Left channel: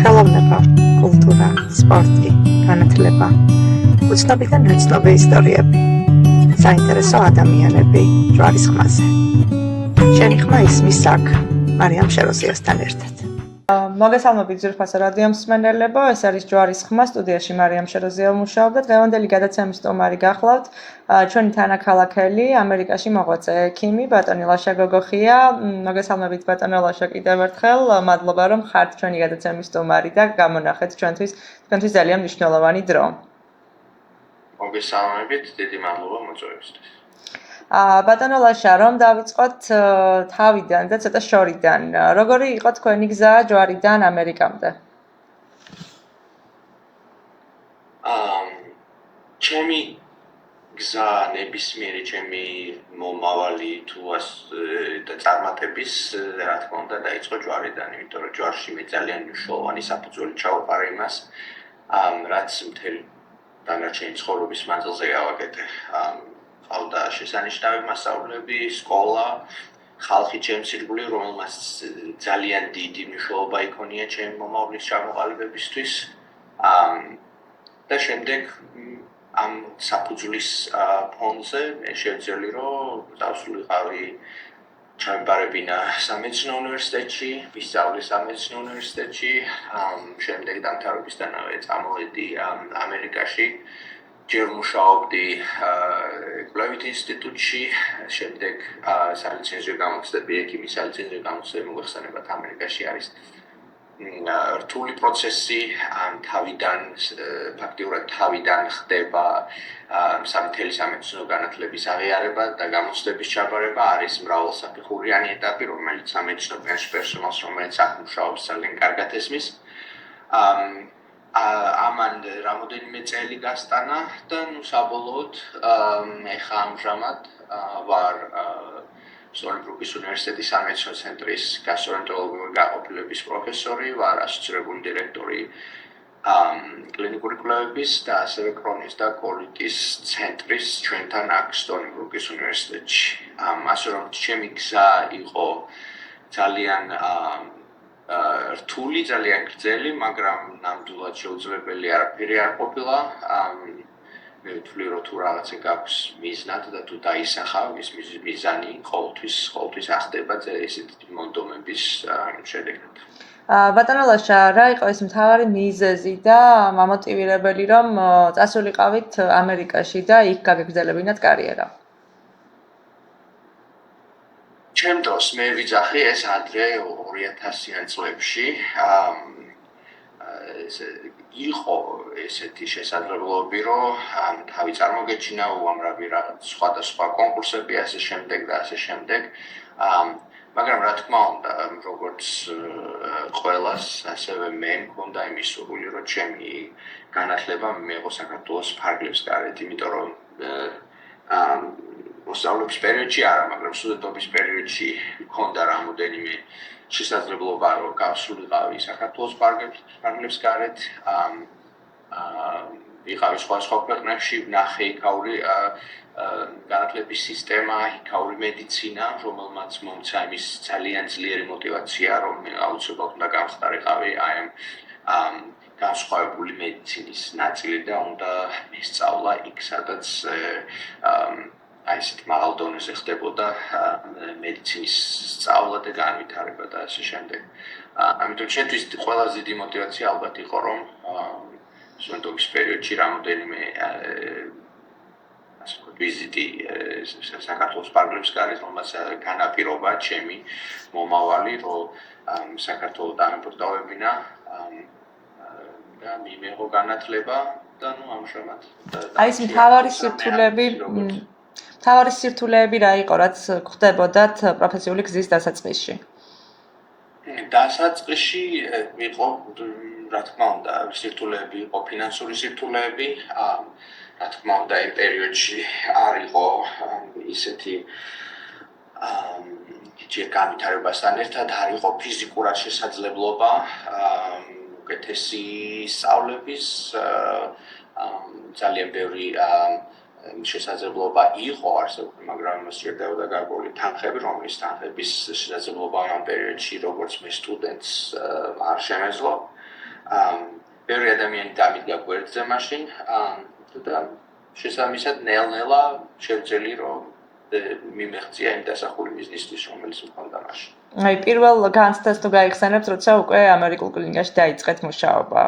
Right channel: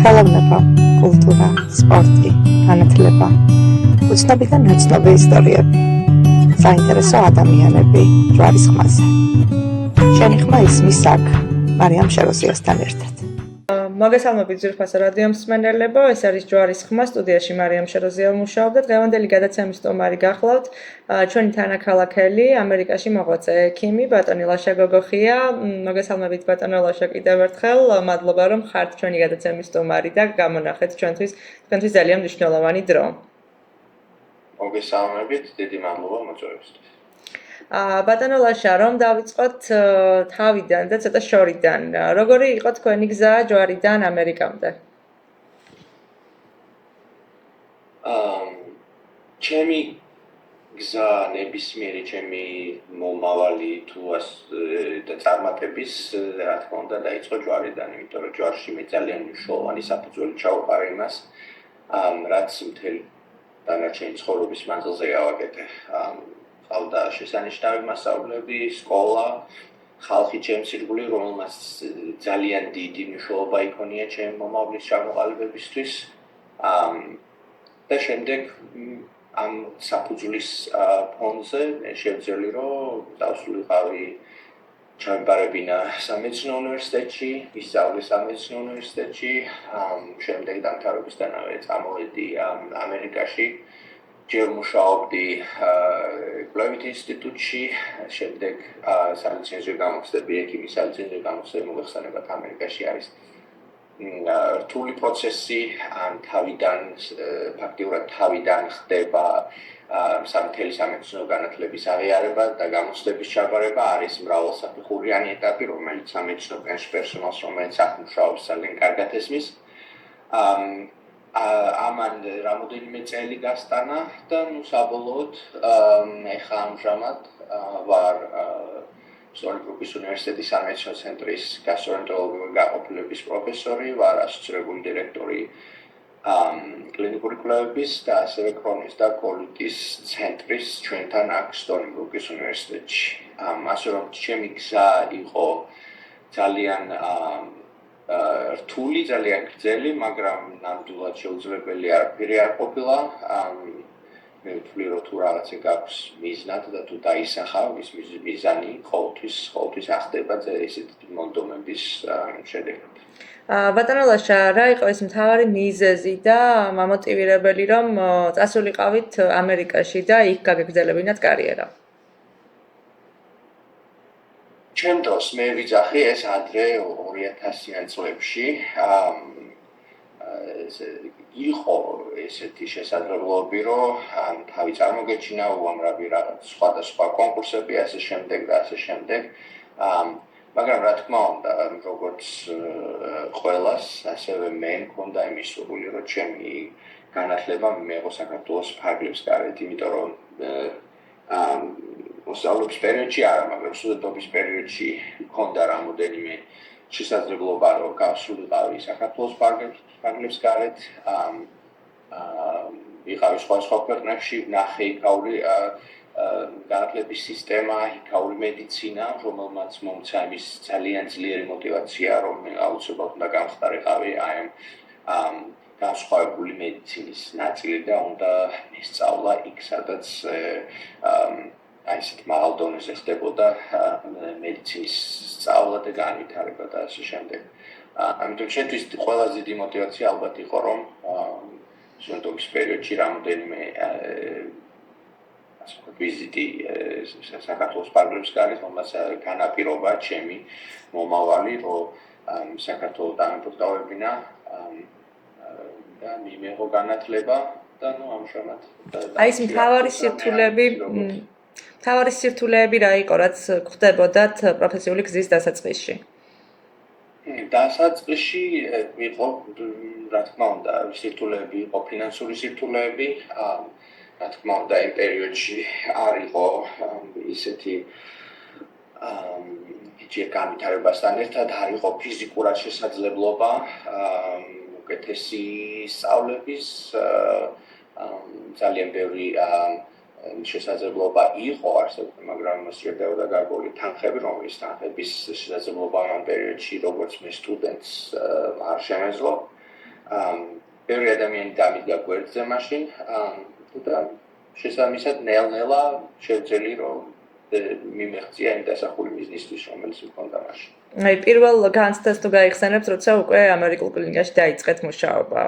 ხელოვნება, კულტურა, სპორტი, განათლება, უცნობი და ნაცნობი ისტორიები, საინტერესო ადამიანები ჯვარის ხმაზე. ჩემი ხმა ისმის აქ, მარიამ შეროზიასთან ერთად. მოგესალმებით ძვირფასო რადიო მსმენელებო, ეს არის ჯვარის ხმა, სტუდიაში მარიამ შეროზია ვმუშაობ და დღევანდელი გადაცემის სტუმარი გახლავთ ჩვენი თანაქალაქელი, ამერიკაში მოღვაწე ექიმი ბატონი ლაშა გოგოხია. მოგესალმებით ბატონო ლაშა კიდევ ერთხელ, მადლობა რომ ხართ ჩვენი გადაცემის სტუმარი და გამონახეთ ჩვენთვის ძალიან მნიშვნელოვანი დრო. მოგესალმებით, დიდი მადლობა მოწვევისთვის. ბატონო ლაშა, რომ დავიწყოთ თავიდან და ცოტა შორიდან. როგორი იყო თქვენი გზა ჯვარიდან ამერიკამდე? ჩემი გზა ნებისმიერი ჩემი მომავალი თუ და წარმატების, რა თქმა უნდა, დაიწყო ჯვარიდან, იმიტომ რომ ჯვარში მე ძალიან მნიშვნელოვანი საფუძველი ჩავყარე იმას, რაც მთელი დანარჩენი ცხოვრების მანძილზე გავაკეთე. ყავდა შესანიშნავი მასწავლებლები, სკოლა, ხალხი ჩემს ირგვლივ, რომელმაც ძალიან დიდი მნიშვნელობა იქონია ჩემი მომავლის ჩამოყალიბებისთვის. და შემდეგ ამ საფუძვლის ფონზე მე შევძელი, რომ დავსულიყავი ჩამებარებინა სამედიცინო უნივერსიტეტში, ვისწავლე სამედიცინო უნივერსიტეტში, შემდეგ დამთავრებისთანავე წამოვედი ამერიკაში. ჯერ მუშაობდი კვლევით ინსტიტუტში, შემდეგ სალიცენზიო გამოცდები, ექიმის სალიცენზიო გამოცდები მოგეხსენებათ, ამერიკაში არის რთული პროცესი, ფაქტიურად თავიდან ხდება მთელი სამედიცინო განათლების აღიარება და გამოცდების ჩაბარება, არის მრავალსაფეხურიანი ეტაპი, რომელიც სამედიცინო პერსონალს, რომელიც აქ მუშაობს, ძალიან კარგად ესმის. ამან რამოდენიმე წელი გასტანა და საბოლოოდ ეხლა ამჟამად ვარ სტონიბრუკის უნივერსიტეტის სამედიცინო ცენტრის გასტროენტეროლოგიური გაყოფილების პროფესორი, ვარ ასოცირებული დირექტორი კლინიკური კვლევების და ასევე კრონის და კოლიტის ცენტრის ჩვენთან აქ სტონიბრუკის უნივერსიტეტში. ასე რომ ჩემი გზა იყო ძალიან რთული, ძალიან გრძელი, მაგრამ ნამდვილად შეუძლებელი არაფერი არ ყოფილა. მე ვთვლი, რომ თუ რაღაცა გაქვს მიზნად და თუ დაისახავ, ის მიზანი ყოველთვის ახდება ესეთი მონდომების შედეგად. ბატონო ლაშა, რა იყო ეს მთავარი მიზეზი და მამოტივირებელი, რომ წასულიყავით ამერიკაში და იქ გაგეგრძელებინათ კარიერა? ჩემ დროს მე ვიძახი ეს ადრე 2000-იან წლებში. იყო ესეთი შესაძლებლობები, რომ თავი წარმოგეჩინა უამრავი რაღაც სხვადასხვა კონკურსები, ასე შემდეგ და ასე შემდეგ. მაგრამ რა თქმა უნდა, როგორც ყველას, ასევე მე მქონდა იმის სურვილი, რომ ჩემი განათლება მიეღო საქართველოს ფარგლებს გარეთ, იმიტომ რომ მოსწავლობის პერიოდში არა, მაგრამ სტუდენტობის პერიოდში მქონდა რამოდენიმე შესაძლებლობა, რომ გავსულიყავი საქართველოს ფარგლებს გარეთ. ვიყავი სხვადასხვა ქვეყნებში, ვნახე იქაური განათლების სისტემა, იქაური მედიცინა, რომელმაც მომცა იმის ძალიან ძლიერი მოტივაცია, რომ მე აუცილებლად უნდა გამხდარიყავი ამ განსხვავებული მედიცინის ნაწილი და უნდა მისწავლა იქ, სადაც ესეთ მაღალ დონეზე ხდებოდა მედიცინის სწავლა და განვითარება და ასე შემდეგ. ამიტომ ჩემთვის ყველაზე დიდი მოტივაცია ალბათ იყო, რომ სტუდენტობის პერიოდში რამოდენიმე ვიზიტი საქართველოს ფარგლებს გარეთ, რომელმაც განაპირობა ჩემი მომავალი, რომ საქართველოს დამებრუნებინა და მიიღო განათლება და ამჟამად. აი ეს მთავარი სირთულეები რა იყო, რაც ხდებოდათ პროფესიული გზის დასაწყისში? დასაწყისში იყო, რა თქმა უნდა, სირთულეები იყო ფინანსური სირთულეები. რა თქმა უნდა, იმ პერიოდში არ იყო ისეთი ჯერ განვითარებასთან ერთად არ იყო ფიზიკურად შესაძლებლობა უკეთესი სწავლების, ძალიან ბევრი შესაძლებლობა იყო არსებული, მაგრამ მას სჭირდებოდა გარკვეული თანხები, რომლის თანხების შესაძლებლობა ამ პერიოდში, როგორც მე სტუდენტს არ შემეძლო. ბევრი ადამიანი დამიდგა გვერდზე მაშინ და შესაბამისად ნელ-ნელა შევძელი რომ მიმეღწია იმ დასახული ბიზნესთვის რომელიც მქონდა მაშინ. აი პირველ განცდას თუ გაიხსენებთ, როცა უკვე ამერიკულ კლინიკაში დაიწყეთ მუშაობა.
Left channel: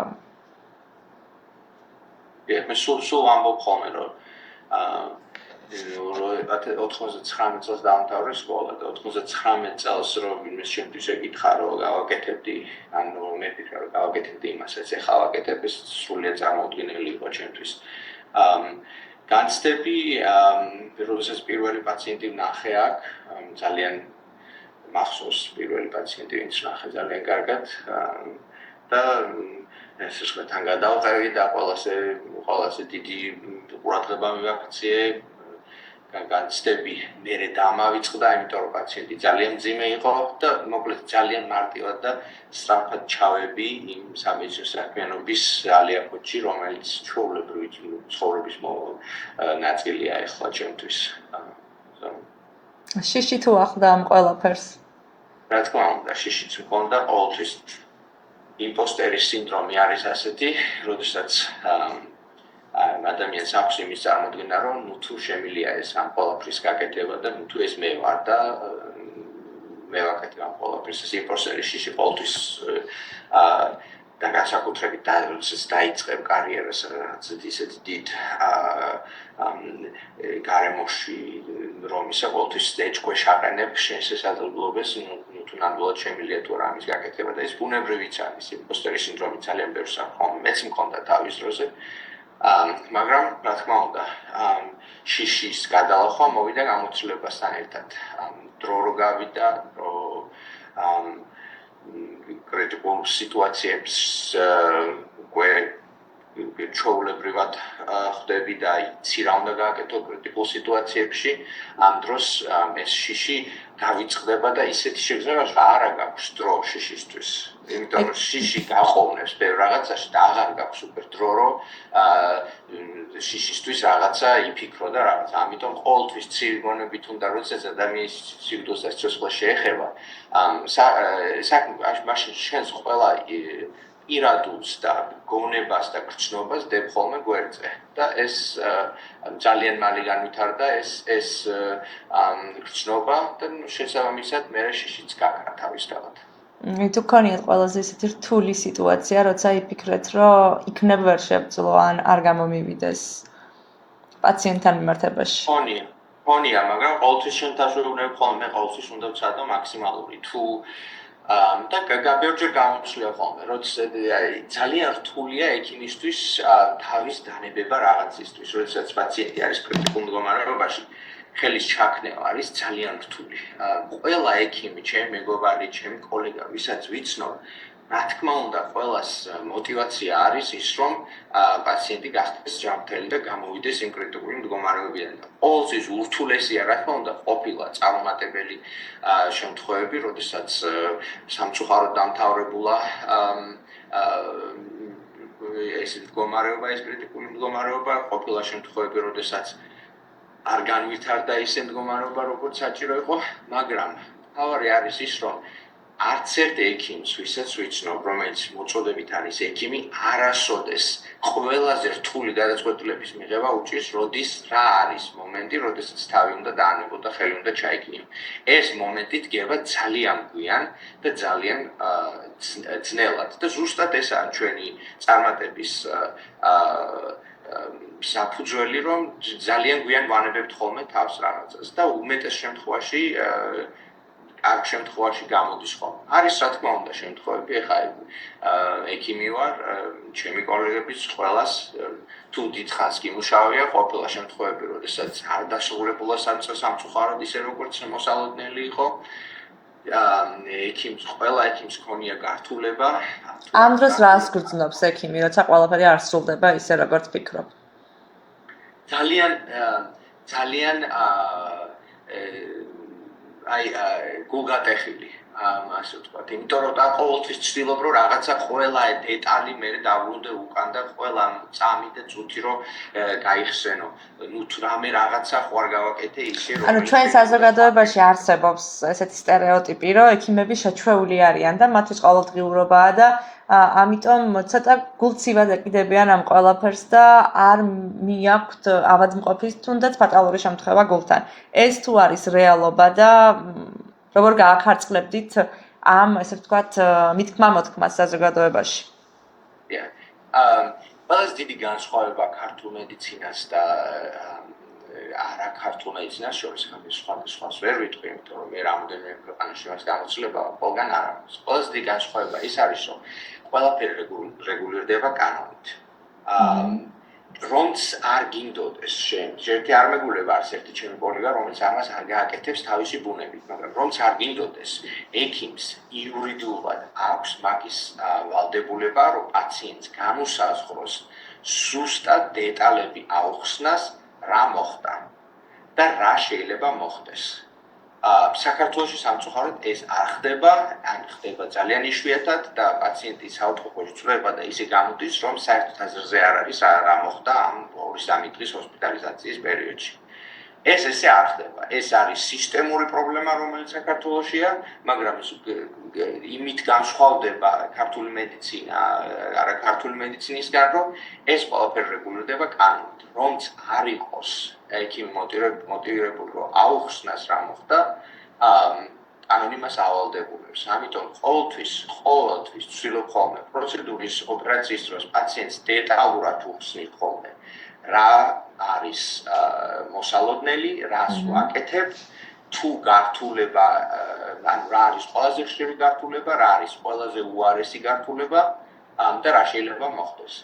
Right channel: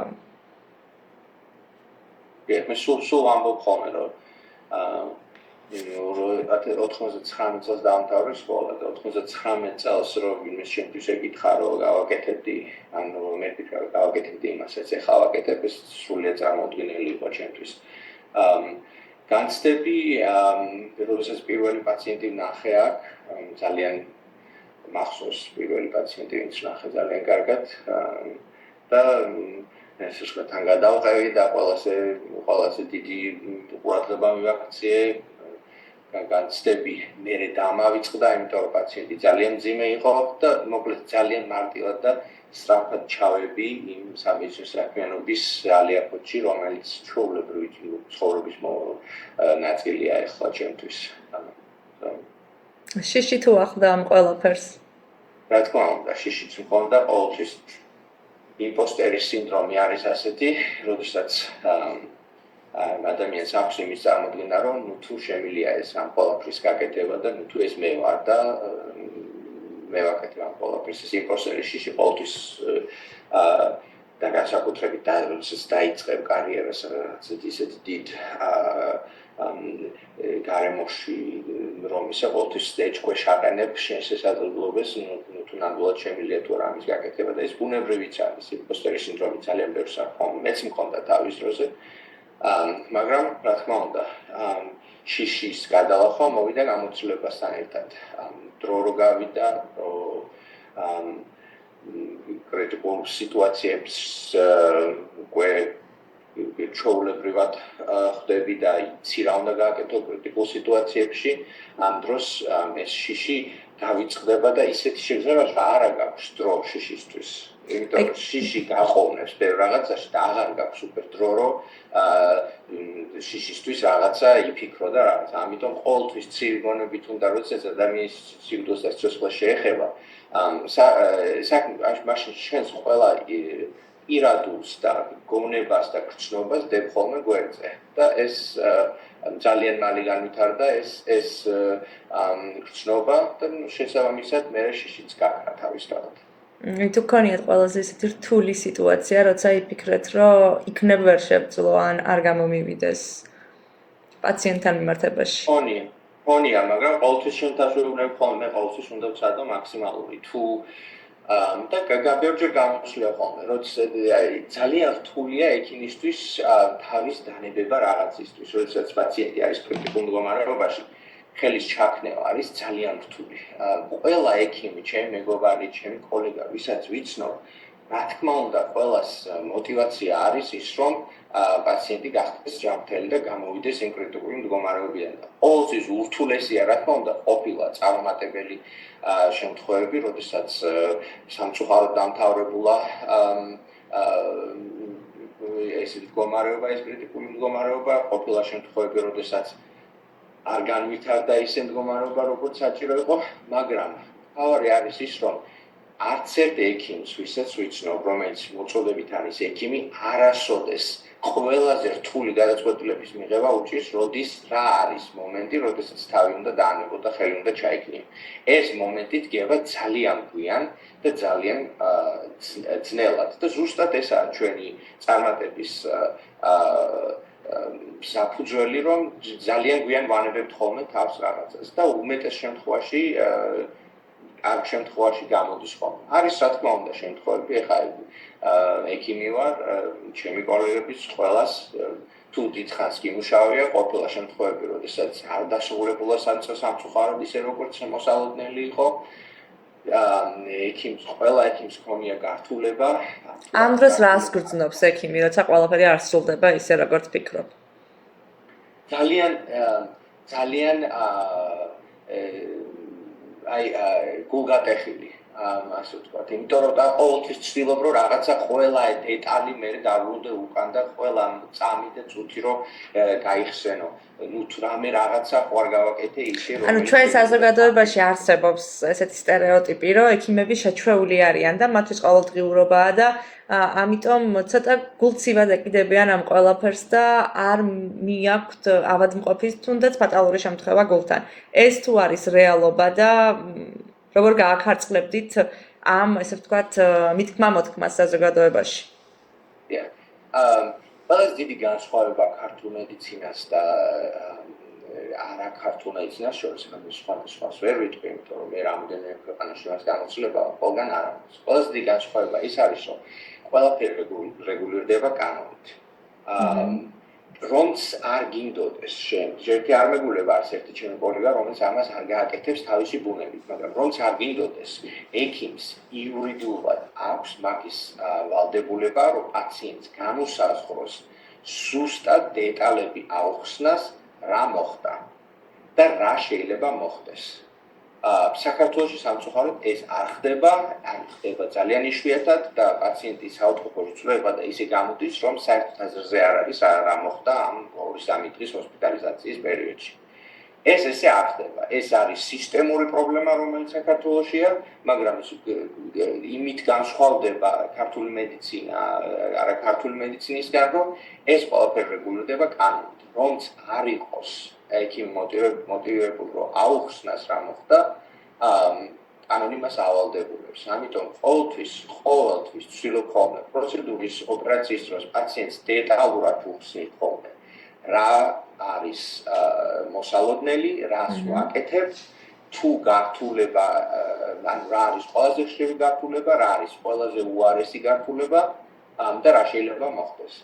მე სულ ამბობ ხოლმე რომ 99 წელს დაამთავრე სკოლა და 99 წელს რომ იმის შემთხვევით ეკითხა რომ გავაკეთებდი ანუ მე ვფიქრე რომ გავაკეთებდი იმასაც ეხლა ვაკეთებ ეს სრულიად წარმოუდგენელი იყო ჩემთვის. განცდები როდესაც პირველი პაციენტი ვნახე აქ ძალიან მახსოვს პირველი პაციენტი ვინც ვნახე ძალიან კარგად და ეს ისე თან გადავყევი და ყველაზე დიდი ყურადღება მივაქციე განცდები მერე დამავიწყდა იმიტომ რომ პაციენტი ძალიან მძიმე იყო და მოკლედ ძალიან მარტივად და სწრაფად ჩავები იმ სამედიცინო საქმიანობის ალიაფოთში რომელიც ჩვეულებრივი ცხოვრების ნაწილია ეხლა ჩემთვის. შიში თუ ახლდა ამ ყველაფერს? რა თქმა უნდა, შიშიც მქონდა ყოველთვის. იმპოსტერის სინდრომი არის ასეთი, როდესაც ადამიანს აქვს იმის წარმოდგენა, რომ თუ შემილია ეს ამ ყველაფრის გაკეთება და თუ ეს მე ვარ და მე ვაკეთებ ამ ყველაფრის, ეს იმპოსტერის შიში ყოველთვის და განსაკუთრებით როდესაც დაიწყებ კარიერას რაც ისეთ დიდ გარემოში რომ ისე ყოველთვის ეჭქვეშ აყენებ შენს შესაძლებლობებს თუ ნამდვილად შემილია თუ არა ამის გაკეთება და ეს ბუნებრივიც არის იმპოსტერის სინდრომი ძალიან ბევრს აქვს მეც მქონდა თავის დროზე მაგრამ რა თქმა უნდა შიშის გადალახვა მოვიდა გამოცდილებასთან ერთად დრო რო გავიდა რომ კრიტიკულ სიტუაციებს უკვე ჩვეულებრივად ხვდები და იცი რა უნდა გააკეთო კრიტიკულ სიტუაციებში ამ დროს ეს შიში გავიწყდება და ისეთი შეგრძნება რომ არა გაქვს დრო შიშისთვის იმიტომ რომ შიში გაყოვნებს ბევრ რაღაცაში და აღარ გაქვს უკვე დრო რომ შიშისთვის რაღაცა იფიქრო და რაღაცა ამიტომ ყოველთვის ცივი გონებით უნდა როდესაც ადამიანის სიკვდილს და სიცოცხლეს შეეხება საქმე მაშინ შენს ყველა ირადულს და გონებას და გრძნობას დებ ხოლმე გვერდზე და ეს ძალიან მალე განვითარდა ეს გრძნობა და შესაბამისად მე შიშიც გაქრა თავისთავად. თუ გქონიათ ყველაზე ისეთი რთული სიტუაცია, როცა იფიქრეთ, რომ იქნებ ვერ შევძლო ან არ გამომივიდეს პაციენტთან მიმართებაში. ხონია, მაგრამ ყოველთვის შენთაშულებები ხოლმე ყოველთვის უნდა ვცადო მაქსიმალური. თუ და გაბერჯერ გამოსვლია ხოლმე, როცა ძალიან რთულია ექიმისთვის თავის დანებება რაღაცისთვის, როდესაც პაციენტი არის კრიტიკულ მდგომარეობაში. ხელის ჩაქნევა არის ძალიან რთული. ყველა ექიმი, ჩემი მეგობარი, ჩემი კოლეგა, ვისაც ვიცნობ, რა თქმა უნდა, ყველას мотиваცია არის ის, რომ პაციენტი გახდეს ჯანმრთელი და გამოვიდეს იმ კრიტიკული მდგომარეობიდან. ყოველთვის ურთულესია, რა თქმა უნდა, ყოფილა წარუმატებელი შემთხვევები, როდესაც სამწუხაროდ დამთავრებულა ეს მდგომარეობა, ეს კრიტიკული მდგომარეობა, ყოფილა შემთხვევები, როდესაც არ განვითარდა ისე მდგომარეობა, როგორც საჭირო იყო, მაგრამ თავარი არის ის, რომ არც ერთ ექიმს, ვისაც ვიცნობ, რომელიც მოწოდებით არის ექიმი, არასოდეს ყველაზე რთული გადაწყვეტილების მიღება უჭირს, როდის რა არის მომენტი, როდესაც თავი უნდა დაანებო და ხელი უნდა ჩაიქნიო. ეს მომენტი დგება ძალიან გვიან და ძალიან ძნელად და ზუსტად ესაა ჩვენი წარმატების საფუძველი, რომ ძალიან გვიან ვანებებთ ხოლმე თავს რაღაცას და უმეტეს შემთხვევაში აქ შემთხვევაში გამოდის ხოლმე. არის რა თქმა უნდა შემთხვევები, ეხლა ექიმი ვარ, ჩემი კოლეგებიც ყველას თუ დიდხანს გიმუშავია, ყოფილა შემთხვევები, როდესაც არ დასრულებულა სამწუხაროდ ისე როგორც მოსალოდნელი იყო. ექიმს ყველა ექიმს ქონია გართულება. ამ დროს რას გრძნობს ექიმი, როცა ყველაფერი არ სრულდება ისე როგორც ფიქრობ? ძალიან გულგატეხილი ასე ვთქვათ, იმიტომ რომ და ყოველთვის ვცდილობ რომ რაღაცა ყველა დეტალი მე დავბრუნდე უკან და ყველა წამი და წუთი რომ გაიხსენო. ნუ თუ რამე რაღაცა ხო არ გავაკეთე ისე რომ ანუ ჩვენ საზოგადოებაში არსებობს ესეთი სტერეოტიპი, რომ ექიმები შეჩვეული არიან და მათთვის ყოველდღიურობაა და ამიტომ ცოტა გულცივად ეკიდებიან ამ ყველაფერს და არ მიაქვთ ავადმყოფის თუნდაც ფატალური შემთხვევა გულთან. ეს თუ არის რეალობა და როგორ გაახარწყლებდით ამ, ესე ვთქვათ, მithქმა-მოთქმას საზოგადოებაში? ყველაზე დიდი განსხვავება ქართულ მედიცინას და არა ქართულ მედიცინას შორის ხომ სხვადასხვას ვერ ვიტყვი, იმიტომ რომ მე რამოდენიმე ქვეყანაში მას გამოცდილება ყველგან არ აქვს. ყველაზე დიდი განსხვავება ის არის, რომ ყველაფერი რეგულირდება კანონით. რომც არ გინდოდეს შენ, ერთი არ მეგულება არც ერთი ჩემი კოლეგა, რომელიც ამას არ გააკეთებს თავისი ბუნებით, მაგრამ რომც არ გინდოდეს, ექიმს იურიდიულად აქვს მაგის ვალდებულება, რომ პაციენტს განუსაზღვროს ზუსტად დეტალები აუხსნას, რა მოხდა და რა შეიძლება მოხდეს. საქართველოში სამწუხაროდ ეს არ ხდება, ან ხდება ძალიან იშვიათად და პაციენტი საავადმყოფოში წვდება და ისე გამოდის, რომ საერთოდ აზრზე არ არის რა მოხდა ამ 2-3 დღის ჰოსპიტალიზაციის პერიოდში. ეს ესე არ ხდება. ეს არის სისტემური პრობლემა, რომელიც საქართველოშია, მაგრამ იმით განსხვავდება ქართული მედიცინა, არა ქართული მედიცინისგან, რომ ეს ყველაფერი რეგულირდება კანონით. რომც არ იყოს ექიმი მოტივირებული, რომ აუხსნას რა მოხდა, კანონი მას ავალდებულებს. ამიტომ ყოველთვის ვცდილობ ხოლმე პროცედურის ოპერაციის დროს პაციენტს დეტალურად უხსნით ხოლმე რა არის მოსალოდნელი, რას ვაკეთებ, თუ გართულება, ანუ რა არის ყველაზე ხშირი გართულება, რა არის ყველაზე უარესი გართულება და რა შეიძლება მოხდეს.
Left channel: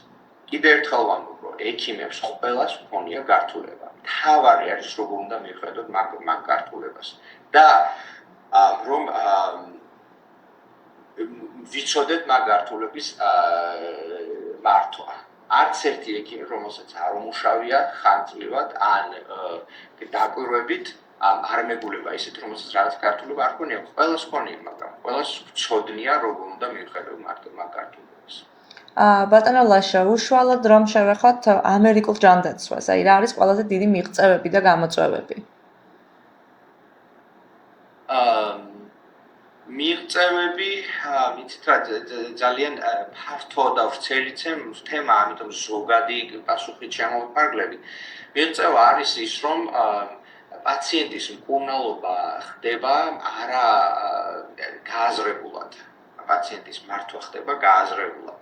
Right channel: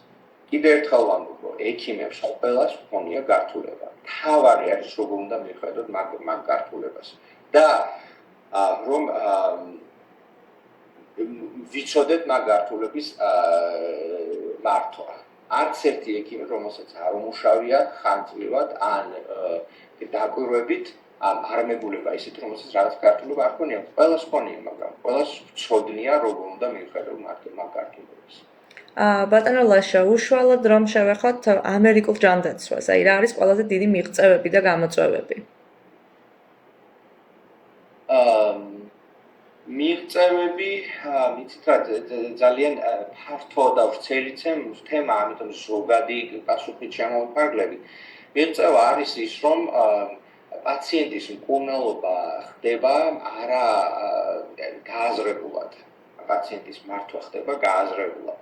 კიდევ ერთხელ ვამბობ, რომ ექიმებს ყველას ჰქონია გართულება. თავარი არის როგორ უნდა მიხედოთ მაგ გართულებას. და რომ ვიცოდეთ მაგ გართულების მართვა. არც ერთი ექიმი, რომელსაც არ უმუშავია ხანძრივად ან დაკვირვებით, არ მეგულება ისეთ, რომელსაც რაღაც გართულება არ ქონია, ყველას ქონია, მაგრამ ყველას ვცოდნია როგორ უნდა მიხედოთ მაგ გართულებას. ბატონო ლაშა, უშუალოდ რომ შევეხოთ ამერიკულ ჯანდაცვას, აი რა არის ყველაზე დიდი მიღწევები და გამოწვევები? მიღწევები, ვიცით რა, ძალიან ფართო და ვრცელი თემა, ამიტომ ზოგადი პასუხით შემოვიფარგლები. მიღწევა არის ის, რომ პაციენტის მკურნალობა ხდება არა გააზრებულად. პაციენტის მართვა ხდება გააზრებულად.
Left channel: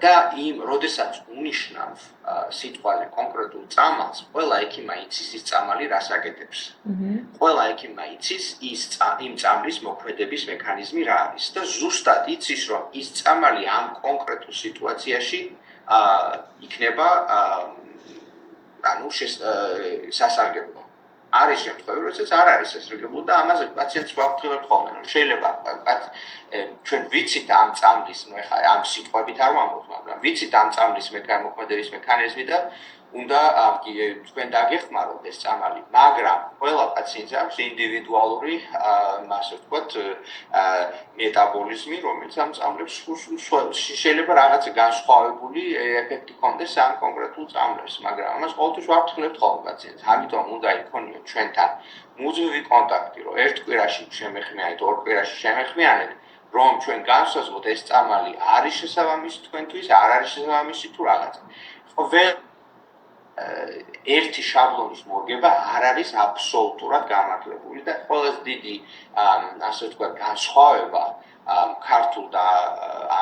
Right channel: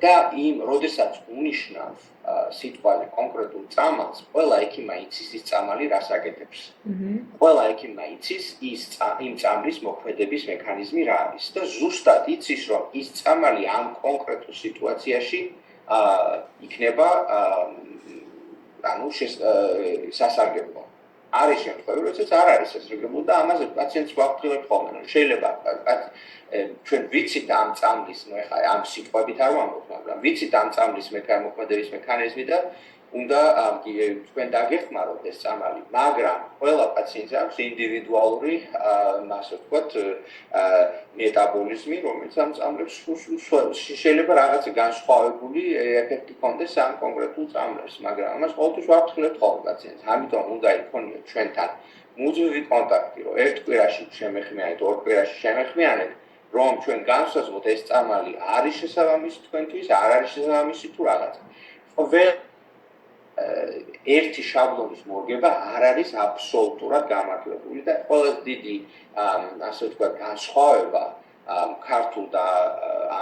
და როდესაც უნიშნავ სიტყვაზე კონკრეტულ წამალს, ყველა ექიმა იცის ის წამალი რას აკეთებს. ყველა ექიმა იცის იმ წამლის მოქმედების მექანიზმი რა არის და ზუსტად იცის, რომ ის წამალი ამ კონკრეტულ სიტუაციაში იქნება სასარგებლო. არის შემთხვევები, როდესაც არ არის სასარგებლო და ამაზე პაციენტს ვაფრთხილებ ხოლმე, რომ შეიძლება ჩვენ ვიცით ამ წამლის, ნუ ეხლა ამ სიტყვებით არ ვამბობ, მაგრამ ვიცით ამ წამლის მოქმედების მექანიზმი და უნდა თქვენ დაგეხმაროთ ეს წამალი, მაგრამ ყველა პაციენტს აქვს ინდივიდუალური, ასე ვთქვათ, მეტაბოლიზმი, რომელიც ამ წამლებს შეიძლება რაღაც განსხვავებული ეფექტი ჰქონდეს ამ კონკრეტულ წამლებს, მაგრამ ამას ყოველთვის ვაფრთხილებთ ხოლმე პაციენტს. ამიტომ უნდა იქონიოთ ჩვენთან მუდმივი კონტაქტი, რომ ერთ კვირაში შემეხმიანეთ, ორ კვირაში შემეხმიანეთ, რომ ჩვენ განსაზღვროთ ეს წამალი არის შესაბამისი თქვენთვის, არ არის შესაბამისი თუ რაღაცა. ერთი შაბლონის მორგება არ არის აბსოლუტურად გამართლებული და ყველაზე დიდი, ასე ვთქვათ, განსხვავება ქართულ და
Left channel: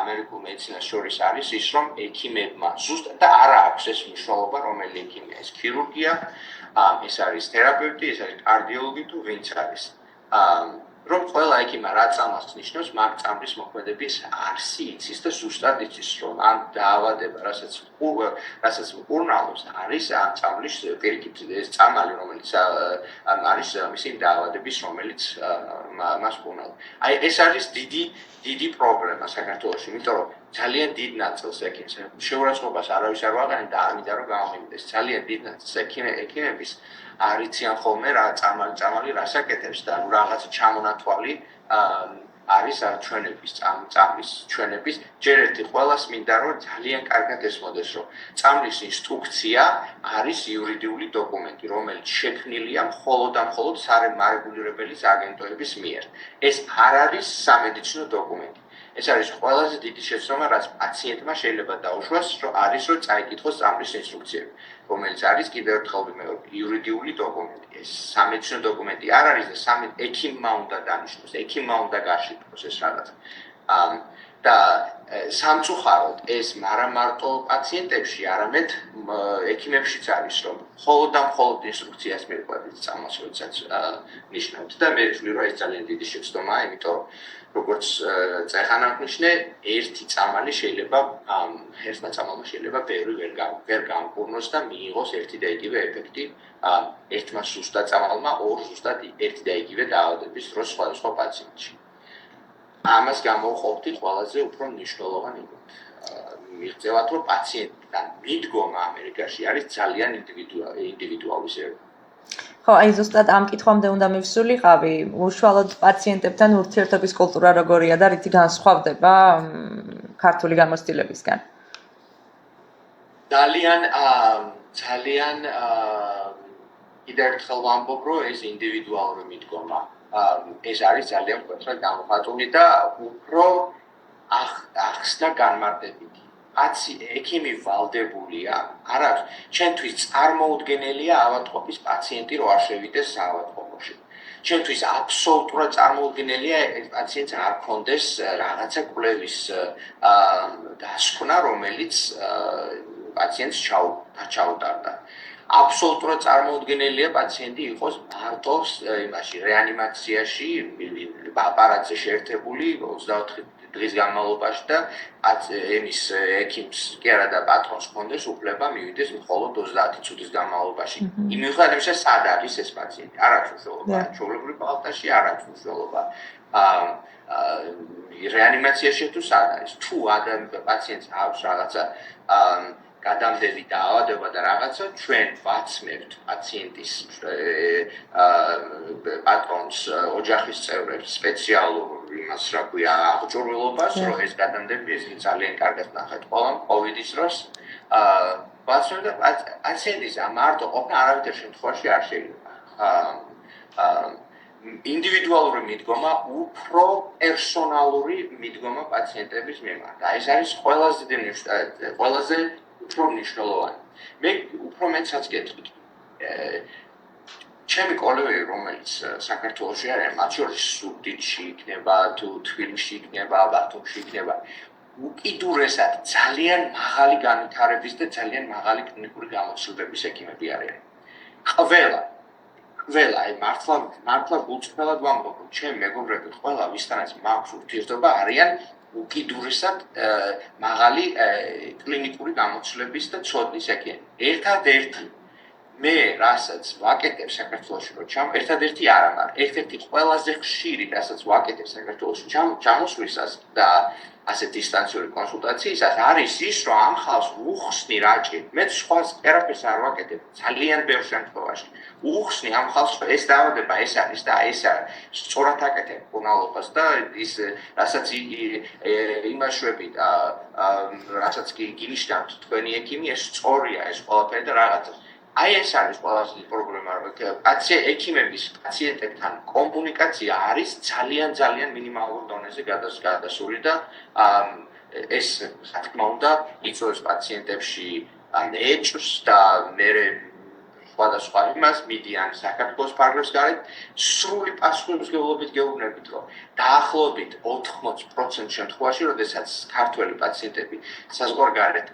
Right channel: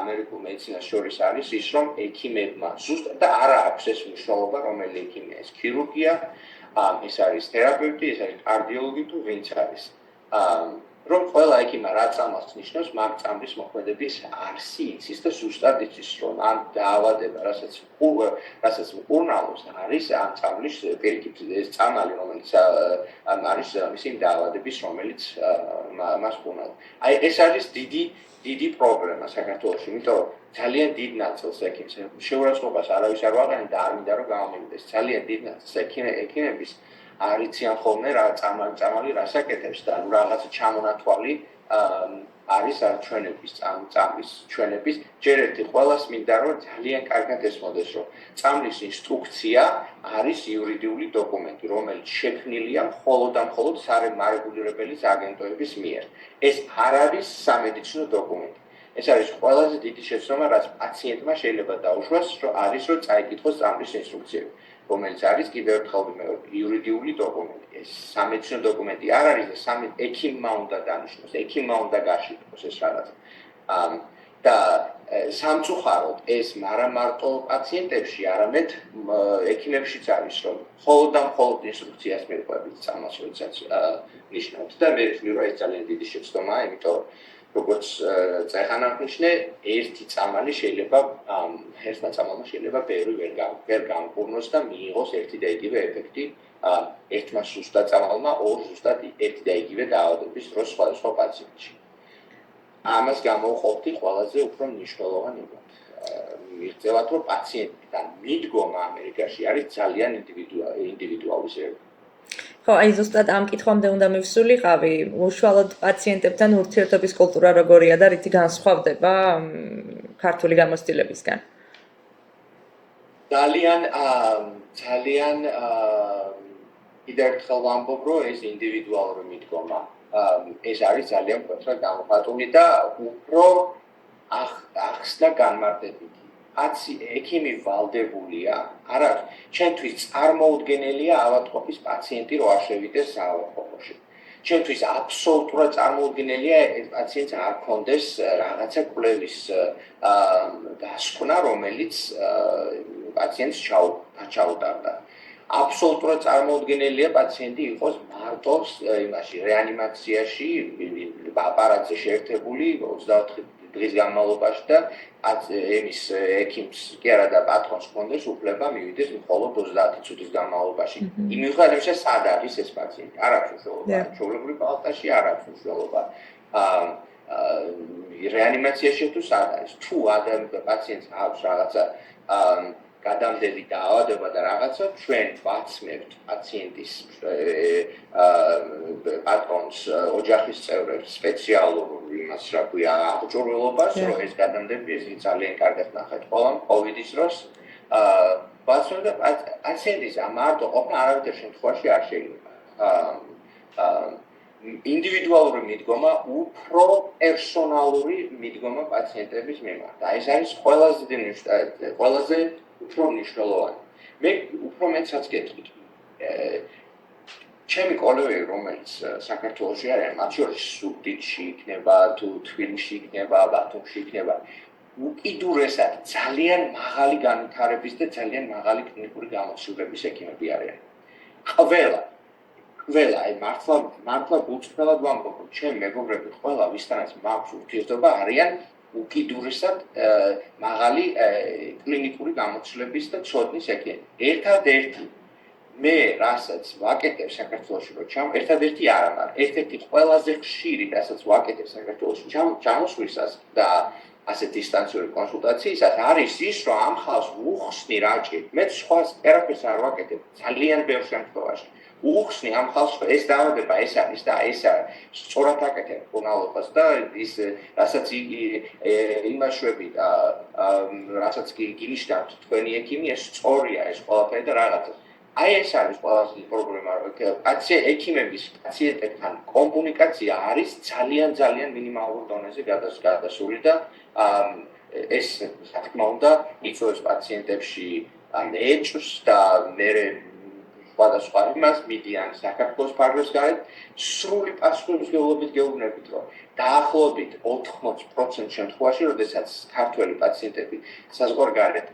ამერიკულ მედიცინას შორის არის ის, რომ ექიმებმა ზუსტად და არა აქვს ეს მნიშვნელობა, რომელი ექიმია, ეს ქირურგია, ეს არის თერაპევტი, ეს არის კარდიოლოგი თუ ვინც არის. რომ ყველა ექიმა რა წამალს ნიშნავს, მაგ წამლის მოქმედების არსი იცის და ზუსტად იცის, რომ ამ დაავადება, რასაც მკურნალობს, არის ამ წამლის პირიქით ეს წამალი, რომელიც არის მისი დაავადების, რომელიც მას მკურნალობს. აი ეს არის დიდი პრობლემა საქართველოში, იმიტომ რომ ძალიან დიდ ნაწილს ექიმს შეურაცხყოფას არავის არ ვაყენებ და არ მინდა რომ გამომივიდეს. ძალიან დიდ ნაწილს ექიმების არიციან ხოლმე რა წამალი რას აკეთებს და რაღაც ჩამონათვალი არის ჩვენების წამლის ჩვენების ჯერ ერთი ყველას მინდა რომ ძალიან კარგად ესმოდეს რომ წამლის ინსტრუქცია არის იურიდიული დოკუმენტი რომელიც შექმნილია მხოლოდ და მხოლოდ სარეგულირებელი აგენტოების მიერ ეს არ არის სამედიცინო დოკუმენტი ეს არის ყველაზე დიდი შეცდომა, რაც პაციენტმა შეიძლება დაუშვას, რომ წაიკითხოს წამლის ინსტრუქციები, რომელიც არის კიდევ ერთხელ ვიმეორებ, იურიდიული დოკუმენტი. ეს სამედიცინო დოკუმენტი არ არის და ექიმმა უნდა დანიშნოს, ექიმმა უნდა გაშიფროს ეს რაღაცა. და სამწუხაროდ ეს არა მარტო პაციენტებში, არამედ ექიმებშიც არის, რომ მხოლოდ ინსტრუქციას მიყვებით წამალს, როდესაც ნიშნავთ და მე ვთვლი, რომ ეს ძალიან დიდი შეცდომაა, იმიტომ რომ როგორც წეხანა ვნიშნე, ერთი წამალი შეიძლება ერთმა წამალმა შეიძლება ბევრი ვერ გამკურნოს და მიიღოს ერთი და იგივე ეფექტი ერთმა ზუსტად წამალმა ორ ზუსტად ერთი და იგივე დაავადების დროს სხვადასხვა პაციენტში. ამას გამოვყოფდი ყველაზე უფრო მნიშვნელოვან იმად. მიღწევათ, რომ პაციენტთან მიდგომა ამერიკაში არის ძალიან ინდივიდუალიზებული. ხო, აი ზუსტად ამ კითხვამდე უნდა მივსულიყავი, უშუალოდ პაციენტებთან ურთიერთობის კულტურა როგორია და რითი განსხვავდება ქართული გამოცდილებისგან? ძალიან კიდევ ერთხელ ვამბობ, რომ ეს ინდივიდუალური მიდგომა ეს არის ძალიან მკვეთრად გამოხატული და უფრო ახსნა განმარტებითი. ექიმი ვალდებულია, არ არის, ჩვენთვის წარმოუდგენელია ავადმყოფის პაციენტი რო არ შევიდეს საავადმყოფოში. ჩვენთვის აბსოლუტურად წარმოუდგენელია ეს პაციენტს არ ქონდეს რაღაცა კვლევის დასკვნა, რომელიც პაციენტს ჩაუტარდა. აბსოლუტურად წარმოუდგენელია პაციენტი იყოს მარტო იმაში რეანიმაციაში აპარატზე შეერთებული 24 დღის განმავლობაში და εμის ექიმს კი არა და პატრონს ჰქონდეს უფლება მივიდეს მხოლოდ 30 წუთის განმავლობაში. მიუხედავად იმისა, სად არის ეს პაციენტი? არ აქვს მნიშვნელობა. ჩვეულებრივ პალატაში არ აქვს მნიშვნელობა. რეანიმაციაში თუ სად არის? თუ პაციენტს აქვს რაღაცა გადამდები დაავადება და რაღაცა, ჩვენ ვაცმევთ პაციენტის პატრონს, ოჯახის წევრებს სპეციალურ იმას, რა ქვია, აღჭურვილობას, რომ ეს გადამდები ეს ძალიან კარგად ნახეთ ყველამ კოვიდის დროს. ვაცმევთ და პაციენტის მარტო ყოფნა არავითარ შემთხვევაში არ შეიძლება. ინდივიდუალური მიდგომა უფრო პერსონალური მიდგომა პაციენტების მიმართ. ეს არის ყველაზე უფრო მნიშვნელოვანი. მე უფრო მეცაც გეტყვით. ჩემი კოლეგები, რომელიც საქართველოში არიან, მათ შორის ზუგდიდში იქნება, თუ თბილისში იქნება, ბათუმში იქნება, უკიდურესად ძალიან მაღალი განვითარების და ძალიან მაღალი კლინიკური გამოცდილების ექიმები არიან. ყველა, აი მართლა გულწრფელად ვამბობ, რომ ჩემი მეგობრები ყველა ვისთანაც მაქვს ურთიერთობა არიან უკიდურესად მაღალი კლინიკური გამოცდილების და ცოდნის ექიმები. ერთადერთი მე რასაც ვაკეთებ საქართველოში რომ ერთადერთი არა, მაგრამ ერთ-ერთი ყველაზე ხშირი რასაც ვაკეთებ საქართველოში ჩამოსვლისას და ასე დისტანციური კონსულტაციისას არის ის, რომ ამ ხალხს უხსნი რაჭი. მე სხვას ერაფერს არ ვაკეთებ ძალიან ბევრ შემთხვევაში. უხსნი ამ ხალხს ეს დაავადება ეს არის და ეს სწორად აკეთებ პონალობას და ის რასაც იმაშვები და რასაც გინიშნავთ თქვენი ექიმი ეს სწორია ეს ყველაფერი და რაღაცა. აი ეს არის ყველაზე დიდი პრობლემა, რომ ექიმების პაციენტებთან კომუნიკაცია არის ძალიან მინიმალურ დონეზე გადასული და ეს რა თქმა უნდა იწვევს პაციენტებში ეჭვს და მერე სხვადასხვა იმას მიდიან საქართველოს ფარგლებს გარეთ სრული პასუხისმგებლობით გეუბნებით, რომ დაახლოებით 80% შემთხვევაში, როდესაც ქართველი პაციენტები საზღვარგარეთ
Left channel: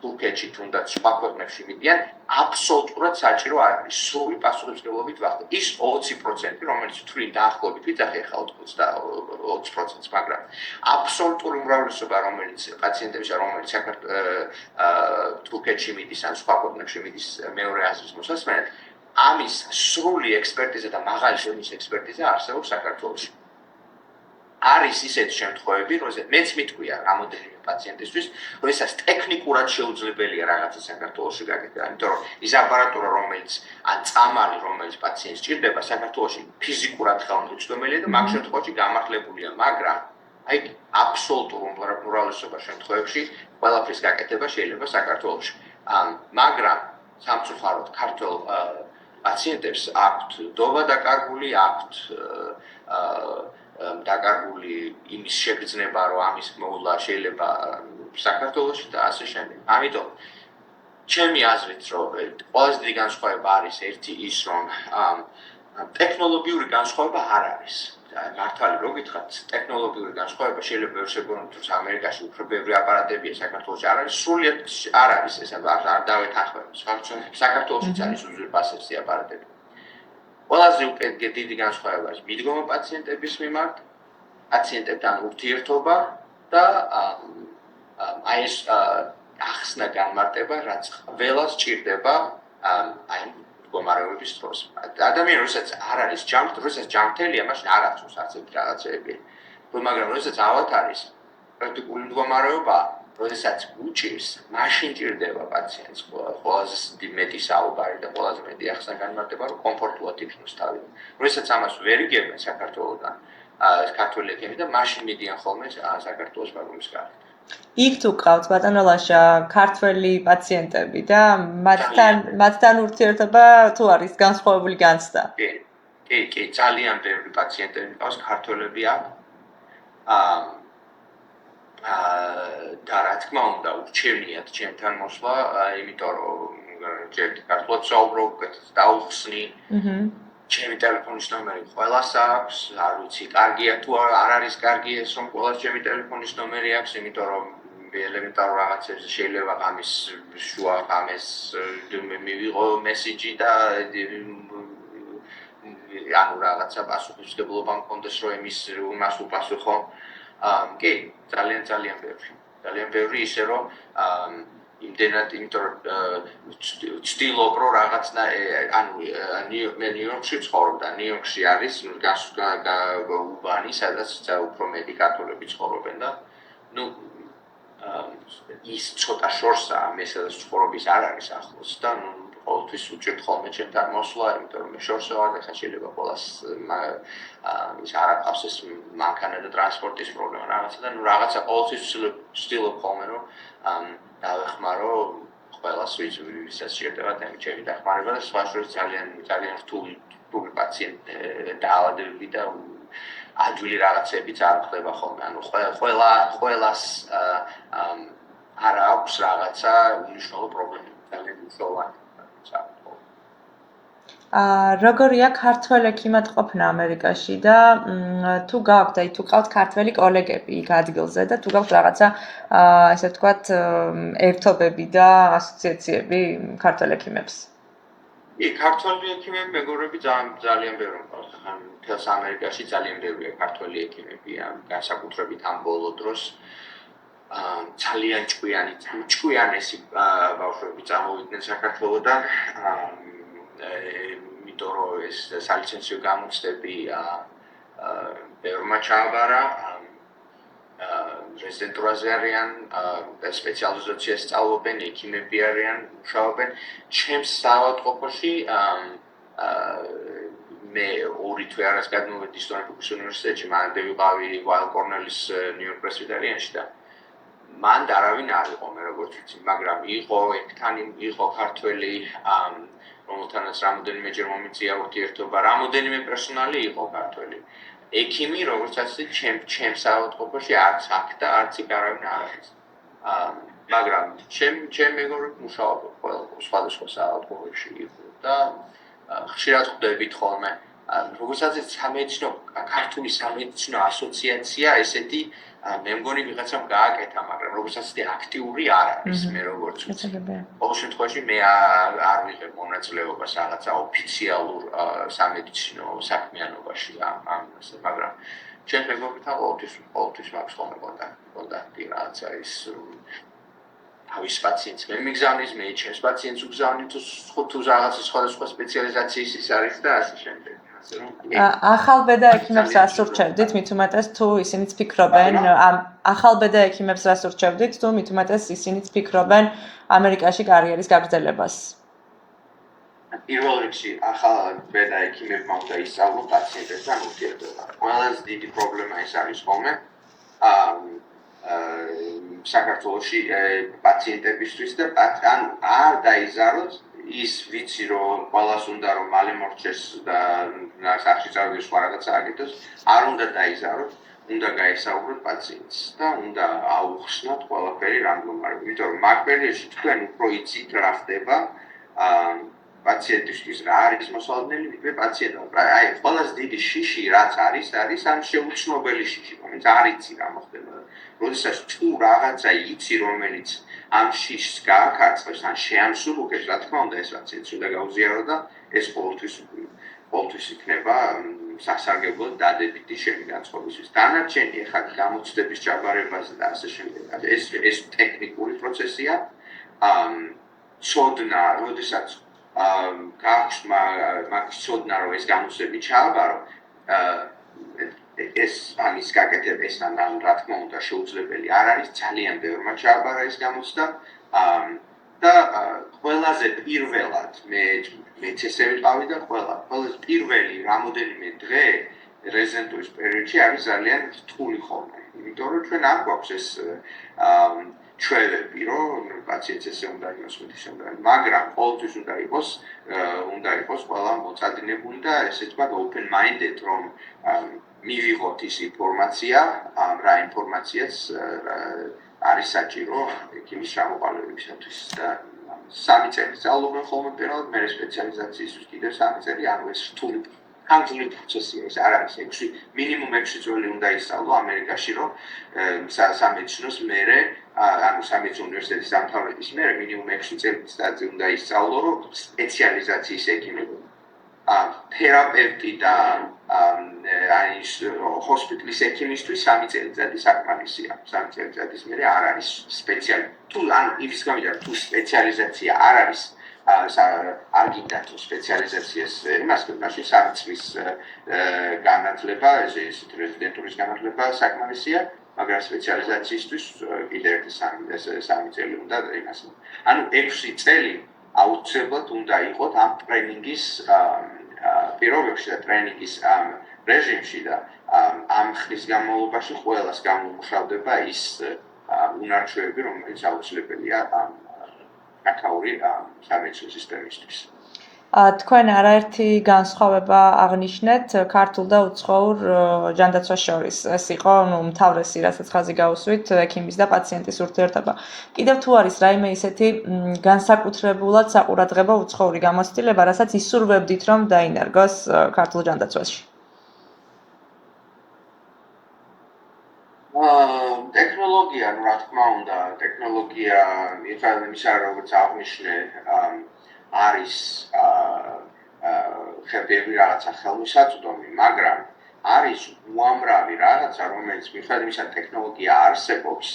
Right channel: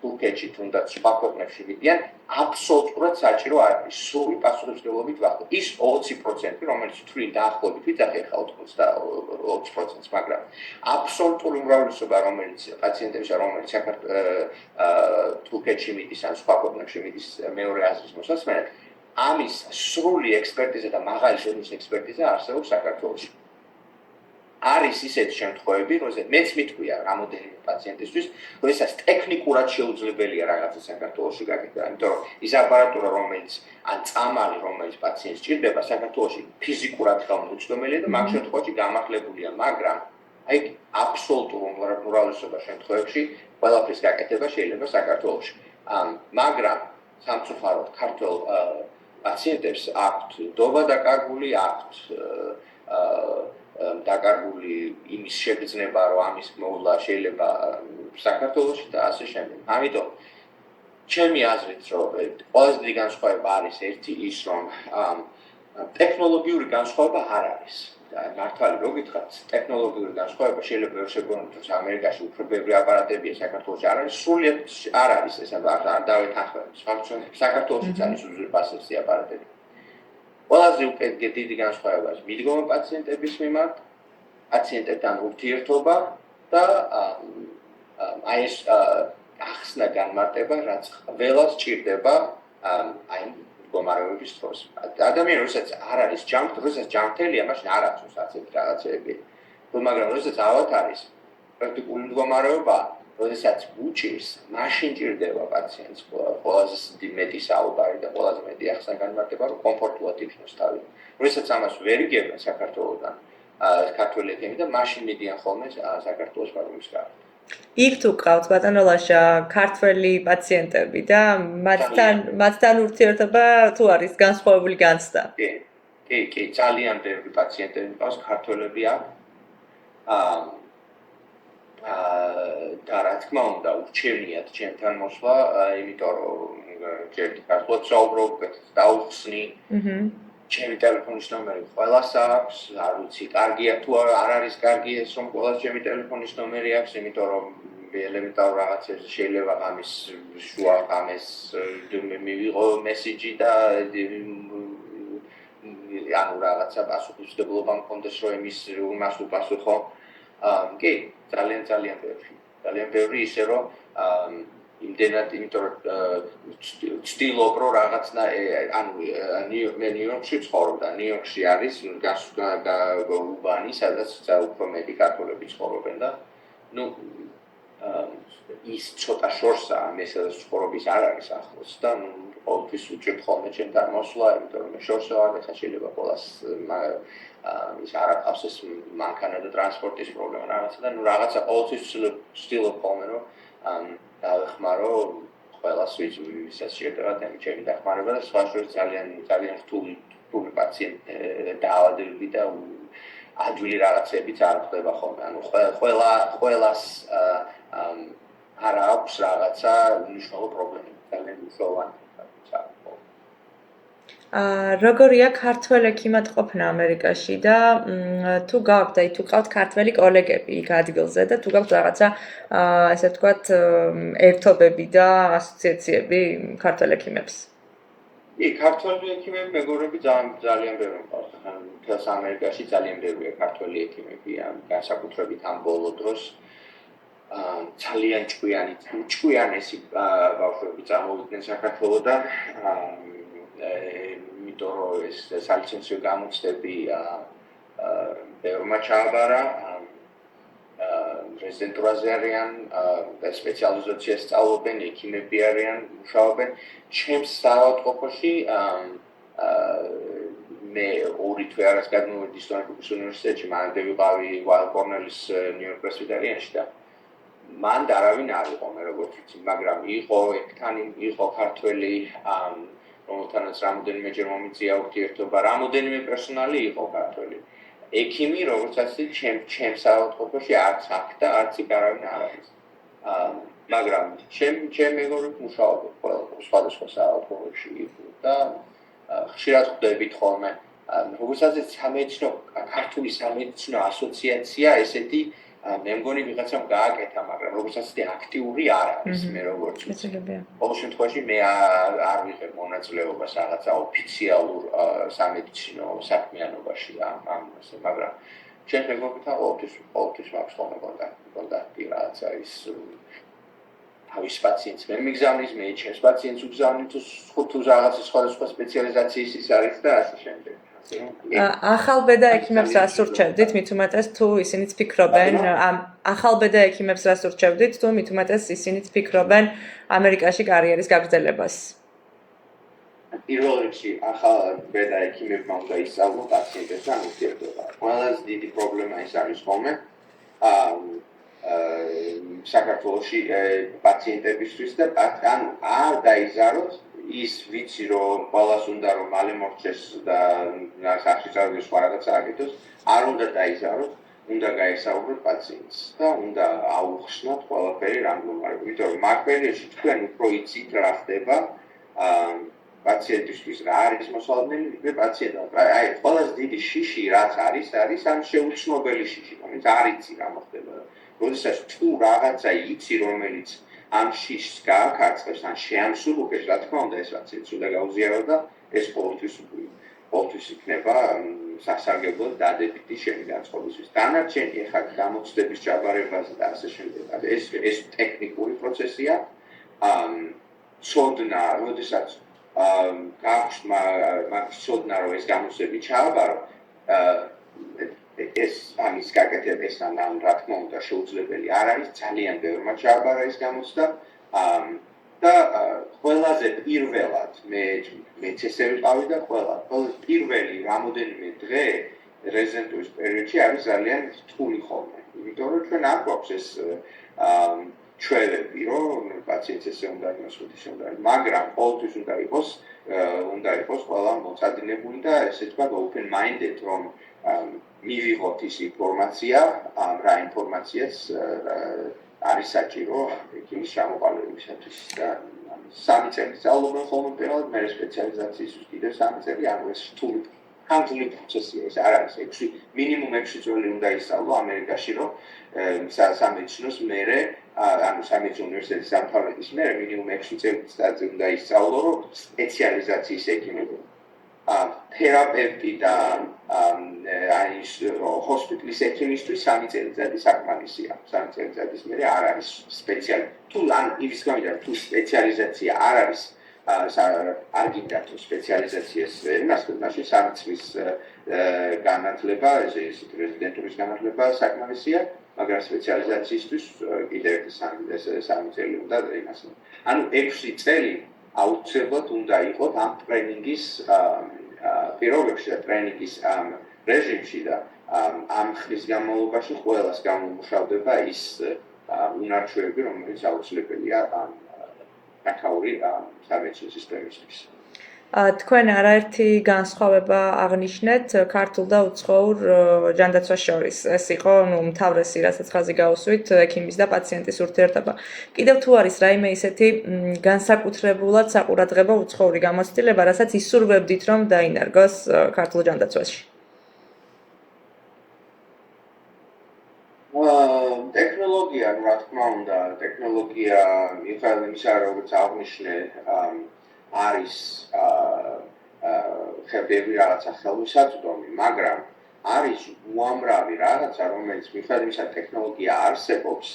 თურქეთში თუნდაც სხვა ქვეყნებში მიდიან, აბსოლუტურად საჭირო არ არის სრული პასუხისმგებლობით ვახდე. ის 20%, რომელიც თვლით დაახლოებით ვიძახი ახლა 20%-ს, მაგრამ აბსოლუტური უმრავლესობა, რომელიც პაციენტებისა, რომელიც თურქეთში მიდის ან სხვა ქვეყნებში მიდის მეორე აზრის მოსასმენად, ამის სრული ექსპერტიზა და მაღალი დონის ექსპერტიზა არსებობს საქართველოში. არის ისეთი შემთხვევები, როდესაც მეც მიტყვია რამოდენიმე პაციენტისთვის, როდესაც ტექნიკურად შეუძლებელია რაღაცა საქართველოში გაკეთება, იმიტომ რომ ის აპარატურა, რომელიც ან წამალი, რომელიც პაციენტს სჭირდება, საქართველოში ფიზიკურად ხელმისაწვდომელია და მაგ შემთხვევაში გამართლებულია, მაგრამ აი აბსოლუტურ უმრავლესობა შემთხვევებში ყველაფრის გაკეთება შეიძლება საქართველოში. მაგრამ სამწუხაროდ ქართულ პაციენტებს აქვთ დობა დაკარგული, აქვთ დაკარგული იმის შეგრძნება, რომ ამის მოვლა შეიძლება საქართველოში და ასე შემდეგ. ამიტომ ჩემი აზრით, რომ ყველაზე დიდი განსხვავება არის ერთი ის, რომ ტექნოლოგიური განსხვავება არ არის. მართალი რო გითხრათ, ტექნოლოგიური განსხვავება შეიძლება ვერ შეგონოთ, რომ ამერიკაში უფრო ბევრი აპარატებია, საქართველოში არ არის, სრულიად არ არის ეს, არ დავეთანხმებით. საქართველოშიც არის უზურპასებსი აპარატები. ყველაზე დიდი განსხვავება არის მიდგომა პაციენტების მიმართ, პაციენტებთან ურთიერთობა და აი ეს ახსნა განმარტება, რაც ყველას ჭირდება აი მდგომარეობის დროს. ადამიანი როდესაც არ არის ჯანმრთელია, მაშინ არ აწუს ასეთი რაღაცეები. მაგრამ როდესაც ავად არის პრაქტიკული მდგომარეობა, როდესაც უჭირს, მაშინ ჭირდება პაციენტს ყველაზე მეტი საუბარი და ყველაზე მეტი ახსნა განმარტება, რომ კომფორტულად იქნოს თავი. როდესაც ამას ვერ იგებენ საქართველოსთან, ქართველი ექიმი და მაშინ მიდიან ხოლმე საქართველოს ბაგურის გარეთ. იქ თუ ყავთ ბატონო ლაშა ქართველი პაციენტები და მათთან ურთიერთობა თუ არის განსხვავებული განცდა? კი, ძალიან ბევრი პაციენტები ყავს, ქართველები აქ. და რა თქმა უნდა, ურჩევნიათ ჩემთან მოსვლა, იმიტომ რომ ჯერ ქართულად საუბრობ, დაუხსნი. ჩემი ტელეფონის ნომერი ყველას აქვს, არ ვიცი, კარგია თუ არ არის კარგი ეს, რომ ყველას ჩემი ტელეფონის ნომერი აქვს, იმიტომ რომ ელემენტარულ რაღაცებზე შეიძლება ამის შუა ამეს მივიღო მესიჯი და ანუ რაღაცა პასუხისმგებლობა მქონდეს, რომ იმას უპასუხო. კი, ძალიან ბევრი ისე რომ იმდენად, იმიტომ რომ ვცდილობ რომ რაღაცნა ანუ მე ნიუ-იორკში ვცხოვრობ და ნიუ-იორკში არის უბანი, სადაც უფრო მეტი ქართველები ცხოვრობენ და ის ცოტა შორსაა, მე სადაც ცხოვრობის არ არის ახლოს და ყოველთვის უჭირთ ხოლმე ჩემთან მოსვლა, იმიტომ რომ მე შორსო ვარ და შეიძლება ყველას ის არ აქვს ეს მანქანა და ტრანსპორტის პრობლემა რაღაცა და რაღაცა ყოველთვის ვცდილობ ხოლმე რომ დავეხმარო ყველას ვისაც სჭირდება ჩემი დახმარება და სხვა შორის ძალიან რთული პაციენტი და ადვილი რაღაცებიც არ ხდება ხოლმე. ანუ ყველას არ აქვს რაღაცა უნიშნულო პრობლემა, ძალიან მნიშვნელოვანი. როგორია ქართველ ექიმად ყოფნა ამერიკაში და თუ გაქვთ, აი თუ ყავთ ქართველი კოლეგები იქ ადგილზე და თუ გაქვთ რაღაცა ესე ვთქვათ ერთობები და ასოციაციები ქართველ ექიმებს? კი, ქართველი ექიმები, მეგობრები ძალიან ბევრი მყავს. მთელს ამერიკაში ძალიან ბევრია ქართველი ექიმები, განსაკუთრებით ამ ბოლო დროს. ძალიან ჭკვიანესი ბავშვები წამოვიდნენ საქართველოდან. იმიტომ რომ ეს სალიცენზიო გამოცდები ბევრმა ჩააბარა, რეზიდენტურაზე არიან, სპეციალიზაციას სწავლობენ, ექიმები არიან, მუშაობენ. ჩემს საავადმყოფოში მე 2 თვე არას გადმოვედი სტონი ჰუკის უნივერსიტეტში, მანამდე ვიყავი ვაილ კორნელის ნიუ-იორკ პრესვიტერიანში და მან არავინ არ იყო მე როგორც ვიცი, მაგრამ იყო ქართველი რომელთანაც რამოდენიმეჯერ მომიწია ურთიერთობა, რამოდენიმე პერსონალი იყო ქართველი. ექიმი, როგორც ასე, ჩემს საავადმყოფოში არც აქ და არც იქ არავინ არ არის. მაგრამ ჩემ მეგობრებს მუშაობენ სხვადასხვა საავადმყოფოში და ხშირად ხვდებით ხოლმე. როგორც ასე, ქართული სამედიცინო ასოციაცია ესეთი მე მგონი ვიღაცამ გააკეთა, მაგრამ როგორც ასე აქტიური არ არის, მე როგორც ვიცი. ყოველ შემთხვევაში მე არ ვიღებ მონაწილეობას რაღაცა ოფიციალურ სამედიცინო საქმიანობაში ამაზე, მაგრამ ჩემს მეგობრებთან ყოველთვის მაქვს ხოლმე კონტაქტი, რაღაცა ის თავის პაციენტს მე მიგზავნის, მე ჩემს პაციენტს ვგზავნი თუ რაღაცა სხვადასხვა სპეციალიზაციის ის არის და ასე შემდეგ. ახალბედა ექიმებს რას ურჩევდით, მით უმეტეს თუ ისინიც ფიქრობენ, ახალბედა ექიმებს რას ურჩევდით, თუ მით უმეტეს ისინიც ფიქრობენ ამერიკაში კარიერის გაგრძელებას? პირველ რიგში ახალბედა ექიმებმა უნდა ისწავლონ პაციენტებთან ურთიერთობა. ყველაზე დიდი პრობლემა ეს არის ხოლმე საქართველოში პაციენტებისთვის და ანუ არ დაიზაროთ ის ვიცი რომ ყველას უნდა რომ მალე მორჩეს და სახში წავიდეს სხვა რაღაცა აკეთოს, არ უნდა დაიზაროთ, უნდა გაესაუბროთ პაციენტს და უნდა აუხსნათ ყველაფერი რა მდგომარეობა. იმიტომ რომ მაგ პერიოდში თქვენ უფრო იცით რა ხდება, პაციენტისთვის რა არის მოსალოდნელი, ვიდრე პაციენტმა. აი, ყველაზე დიდი შიში რაც არის ამ შეუცნობელი შიში, რომელიც არ იცი რა მოხდება. როდესაც თუ რაღაცა იცი, რომელიც ამ შიშს გააკარწყებს, ან შეამსუბუქებს, რა თქმა უნდა, ეს პაციენტს უნდა გაუზიარო და ეს ყოველთვის იქნება სასარგებლო დადებითი შენი განწყობისთვის. დანარჩენი ეხლა გამოცდების ჯაბარებაზე და ასე შემდეგ. ეს ტექნიკური პროცესია. ცოდნა, როდესაც გაქვს მაგის ცოდნა, რომ ეს გამოცდები ჩააბარო, ეს ამის გაკეთებასთან რა თქმა უნდა შეუძლებელი არ არის, ძალიან ბევრმა ჩააბარა ეს გამოცდა და ყველაზე პირველად მეც ესე ვიყავი და ყველაზე პირველი რამოდენიმე დღე რეზიდენტურის პერიოდში არის ძალიან რთული ხოლმე, იმიტომ რომ ჩვენ არ გვაქვს ეს ჩვევები, რომ პაციენტს ესე უნდა იყოს, ისე უნდა იყოს, მაგრამ ყოველთვის უნდა იყოს ყველა მოწადინებული და ესე ვთქვათ open minded, რომ მივიღოთ ის ინფორმაცია, რა ინფორმაციაც არის საჭირო ექიმის ჩამოყალიბებისათვის და 3 წელი სწავლობენ ხოლმე პირველად, მერე სპეციალიზაციისთვის კიდევ 3 წელი, ანუ ეს რთული ხანგრძლივი პროცესია, ეს არ არის 6 მინიმუმ 6 წელი უნდა ისწავლო ამერიკაში, რომ სამედიცინოს მერე, ანუ სამედიცინო უნივერსიტეტის დამთავრების მერე მინიმუმ 6 წელი უნდა ისწავლო, რომ სპეციალიზაციის ექიმები თერაპევტი და ჰოსპიტალის ექიმისთვის 3 წელიწადი საკმარისია. 3 წელიწადის მერე არ არის სპეციალი. თუ ანუ იმის გამო თუ სპეციალიზაცია არ არის არ გინდა თუ სპეციალიზაციას იმას მაშინ 3 წლის განათლება, ესეთ რეზიდენტურის განათლება საკმარისია, მაგრამ სპეციალიზაციისთვის კიდევ 3 წელი უნდა იმას. ანუ 6 წელი აუცილებლად უნდა იყოთ ამ ტრენინგის პირობებში და ტრენინგის რეჟიმში და ამ ხნის განმავლობაში ყველას გამომუშავდება ის უნარჩვევები, რომელიც აუცილებელია აკაური სამედიცინო სისტემისთვის. თქვენ არაერთი განსხვავება აღნიშნეთ ქართულ და უცხოურ ჯანდაცვას შორის. ეს იყო უმთავრესი, რასაც ხაზი გაუსვით, ექიმის და პაციენტის ურთიერთობა. კიდევ თუ არის რაიმე ისეთი განსაკუთრებულად საყურადღებო უცხოური გამოცდილება, რასაც ისურვებდით, რომ დაინერგოს ქართულ ჯანდაცვაში? ტექნოლოგია, რა თქმა უნდა, ტექნოლოგია მიხარდა როგორც აღნიშნე არის ხებები რაღაცა ხელმისაწვდომი, მაგრამ არის უამრავი რაღაცა, რომელიც მიხარდა იმისა ტექნოლოგია არსებობს,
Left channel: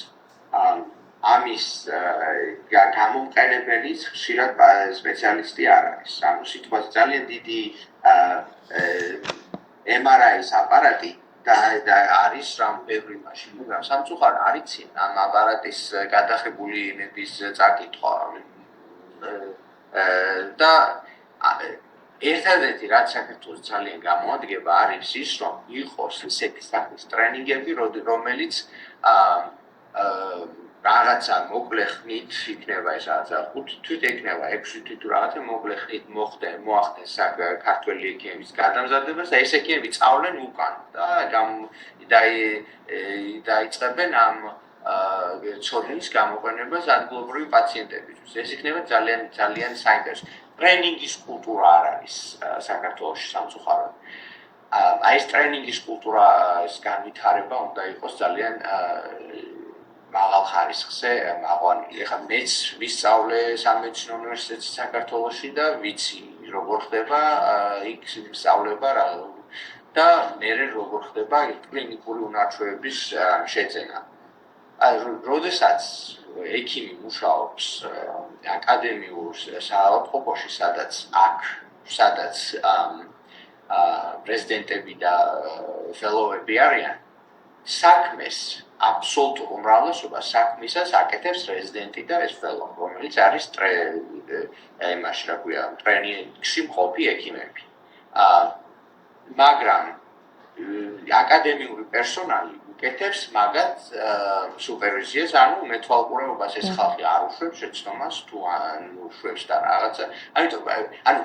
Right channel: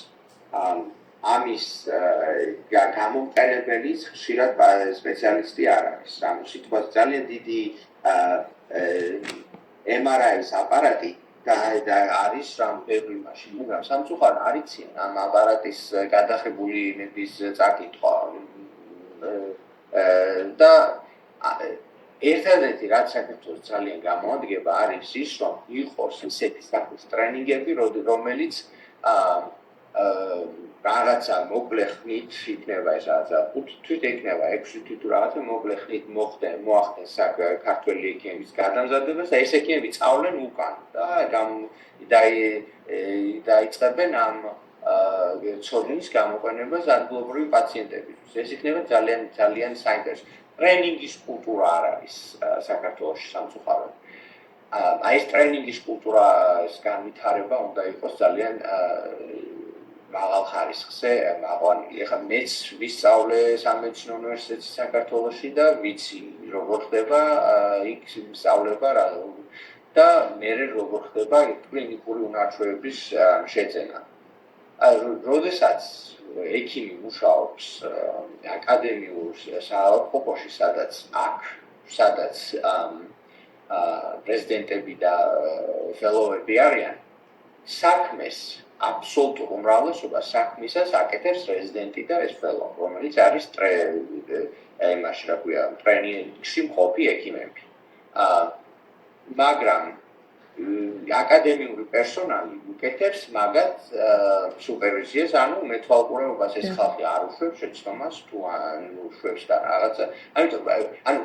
ამის გამომყენებელის ხშირად სპეციალისტი არ არის. ანუ სიტყვაზე ძალიან დიდი MRI-ის აპარატი და არის რამ ბევრი მაშინ, მაგრამ სამწუხაროდ არ იციან ამ აპარატის გადაღებული იმების წაკითხვა და ერთადერთი რაც საქართველოს ძალიან გამოადგება არის ის, რომ იყოს ისეთი სახის ტრენინგები, რომელიც რაღაცა მოკლე ხნით იქნება ეს რაღაცა 5 თვით იქნება 6 თვით რაღაცა მოკლე ხნით მოახდენ ქართველი ექიმების გადამზადებას და ეს ექიმები წავლენ უკან და დაიწყებენ ამ ცოდნის გამოყენებას ადგილობრივი პაციენტებისთვის. ეს იქნება ძალიან საინტერესო. ტრენინგის კულტურა არ არის საქართველოში სამწუხაროდ. აი ეს ტრენინგის კულტურის განვითარება უნდა იყოს ძალიან მაღალ ხარისხზე მაყვანილი. ეხლა მეც ვისწავლე სამედიცინო უნივერსიტეტში საქართველოში და ვიცი როგორ ხდება იქ სწავლება და მერე როგორ ხდება კლინიკური უნარჩვევების შეძენა. როდესაც ექიმი მუშაობს აკადემიურ საავადმყოფოში, სადაც პრეზიდენტები და ფელოები არიან, საქმეს აბსოლუტურ უმრავლესობას საქმისას აკეთებს რეზიდენტი და ეს ფელო, რომელიც არის იმაში, რა ქვია, ტრენინგში მყოფი ექიმები. მაგრამ აკადემიური პერსონალი უკეთებს მაგათ სუპერვიზიას, ანუ მეთვალყურეობას ეს ხალხი არ უშვებს შეცდომას თუ ან უშვებს და რაღაცა. ამიტომ ანუ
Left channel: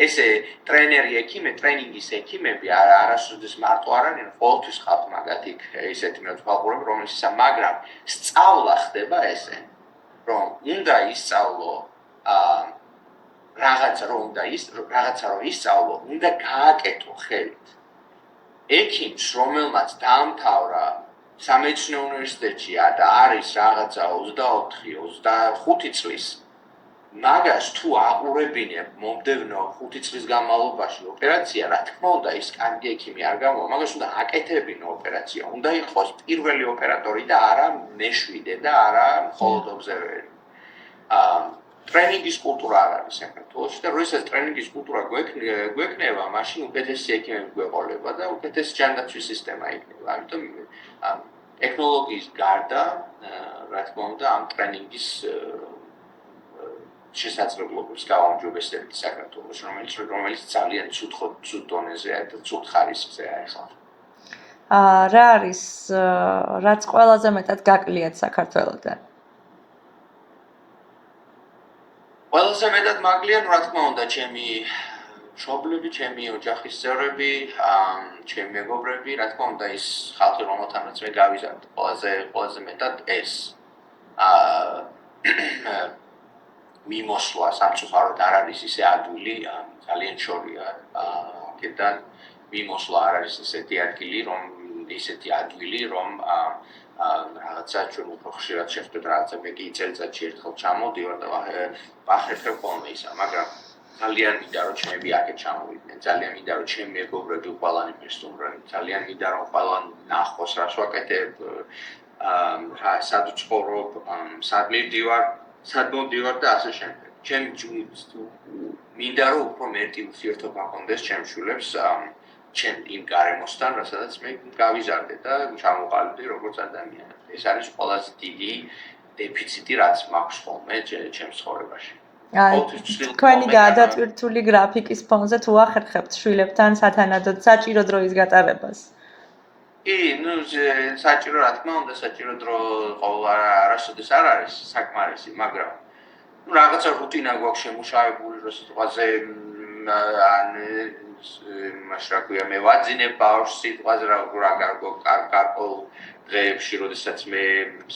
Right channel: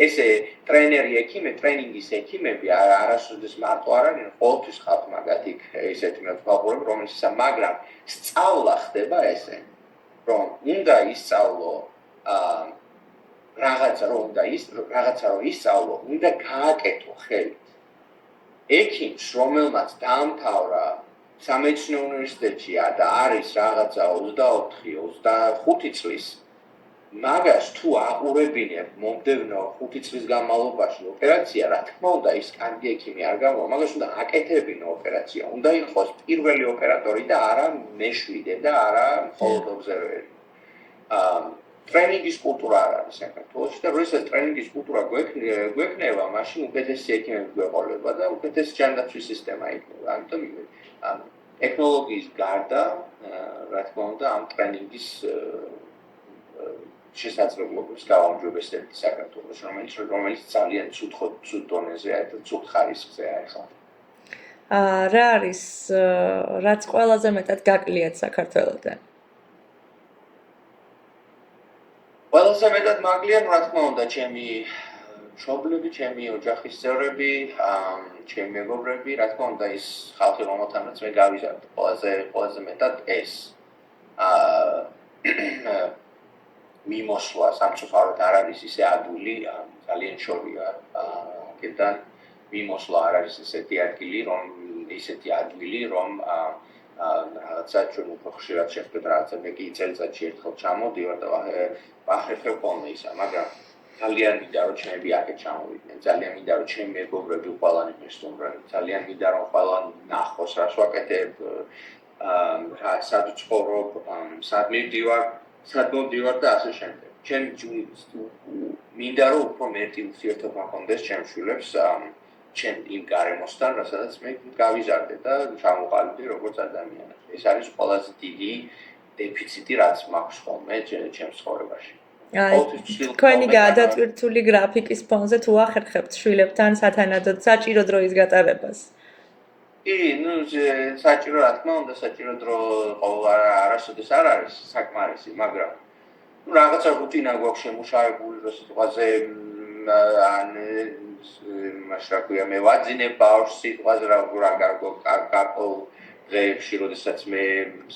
ესე ტრენერი ექიმე, ტრენინგის ექიმები არასოდეს მარტო არ არიან, ყოველთვის ხალხ მაგათ იქ ისეთი მეთვალყურეები, რომელიც მაგრამ სწავლა ხდება ესე, რომ უნდა ისწავლო რაღაცა რომ ისწავლო, უნდა გააკეთო ხელით. ექიმს, რომელმაც დაამთავრა სამედიცინო უნივერსიტეტში და არის რაღაცა 24-25 წლის, მაგას თუ აყურებინებ მომდევნო 5 წლის განმავლობაში ოპერაცია, რა თქმა უნდა, ის კანდი ექიმი არ გამოვა, მაგას უნდა აკეთებინო ოპერაცია, უნდა იყოს პირველი ოპერატორი და არა მეშვიდე და არა მხოლოდ ობზერვერი. ტრენინგის კულტურა არ არის საქართველოში და როდესაც ტრენინგის კულტურა გვექნება, მაშინ უკეთესი ექიმები გვეყოლება და უკეთესი ჯანდაცვის სისტემა იქნება. ამიტომ ტექნოლოგიის გარდა, რა თქმა უნდა, ამ ტრენინგის შესაძლებლობებს გავაუმჯობესებთ საქართველოს, რომელიც ძალიან ცუდ დონეზეა და ცუდ ხარისხზეა ახლა. რა არის რაც ყველაზე მეტად გაკლიათ საქართველოდან? ყველაზე მეტად მაგლიან, რა თქმა უნდა, ჩემი მშობლები, ჩემი ოჯახის წევრები, ჩემი მეგობრები, რა თქმა უნდა, ის ხალხი, რომელთანაც მე გავიზარდე, ყველაზე მეტად ეს. მიმოსვლა სამწუხაროდ არ არის ისე ადვილი, ძალიან შორია. აქედან მიმოსვლა არ არის ისეთი ადგილი, რომ რაღაცა ჩვენ უფრო ხშირად შევხვდეთ რაღაცა მე კი წელიწადში ერთხელ ჩამოდივარ და ვახერხებ ხოლმე ისა, მაგრამ ძალიან მინდა რომ ჩემები აქეთ ჩამოვიდნენ, ძალიან მინდა რომ ჩემი მეგობრები ყველანი მესტუმრენ, ძალიან მინდა რომ ყველანი ნახოს რას ვაკეთებ, სად ვცხოვრობ, სად მივდივარ და ასე შემდეგ. ჩემი მინდა რომ უფრო მეტი ურთიერთობა ჰქონდეს ჩემს შვილებს ჩემ იმ გარემოსთან, რასაც მე გავიზარდე და ჩამოყალიბდი როგორც ადამიანი. ეს არის ყველაზე დიდი დეფიციტი, რაც მაქვს ხოლმე ჩემს ცხოვრებაში. თქვენი გადატვირთული გრაფიკის ფონზე თუ ახერხებთ შვილებთან სათანადოდ საჭირო დროის გატარებას? საჭირო რა თქმა უნდა, საჭირო დრო არასოდეს არ არის საკმარისი, მაგრამ რაღაცა რუტინა გვაქვს შემუშავებული, რომ სიტყვაზე მაშრაკვია მე ვაძინებ ბავშვს სიტყვაზე რა გარკვეულ დღეებში, როდესაც მე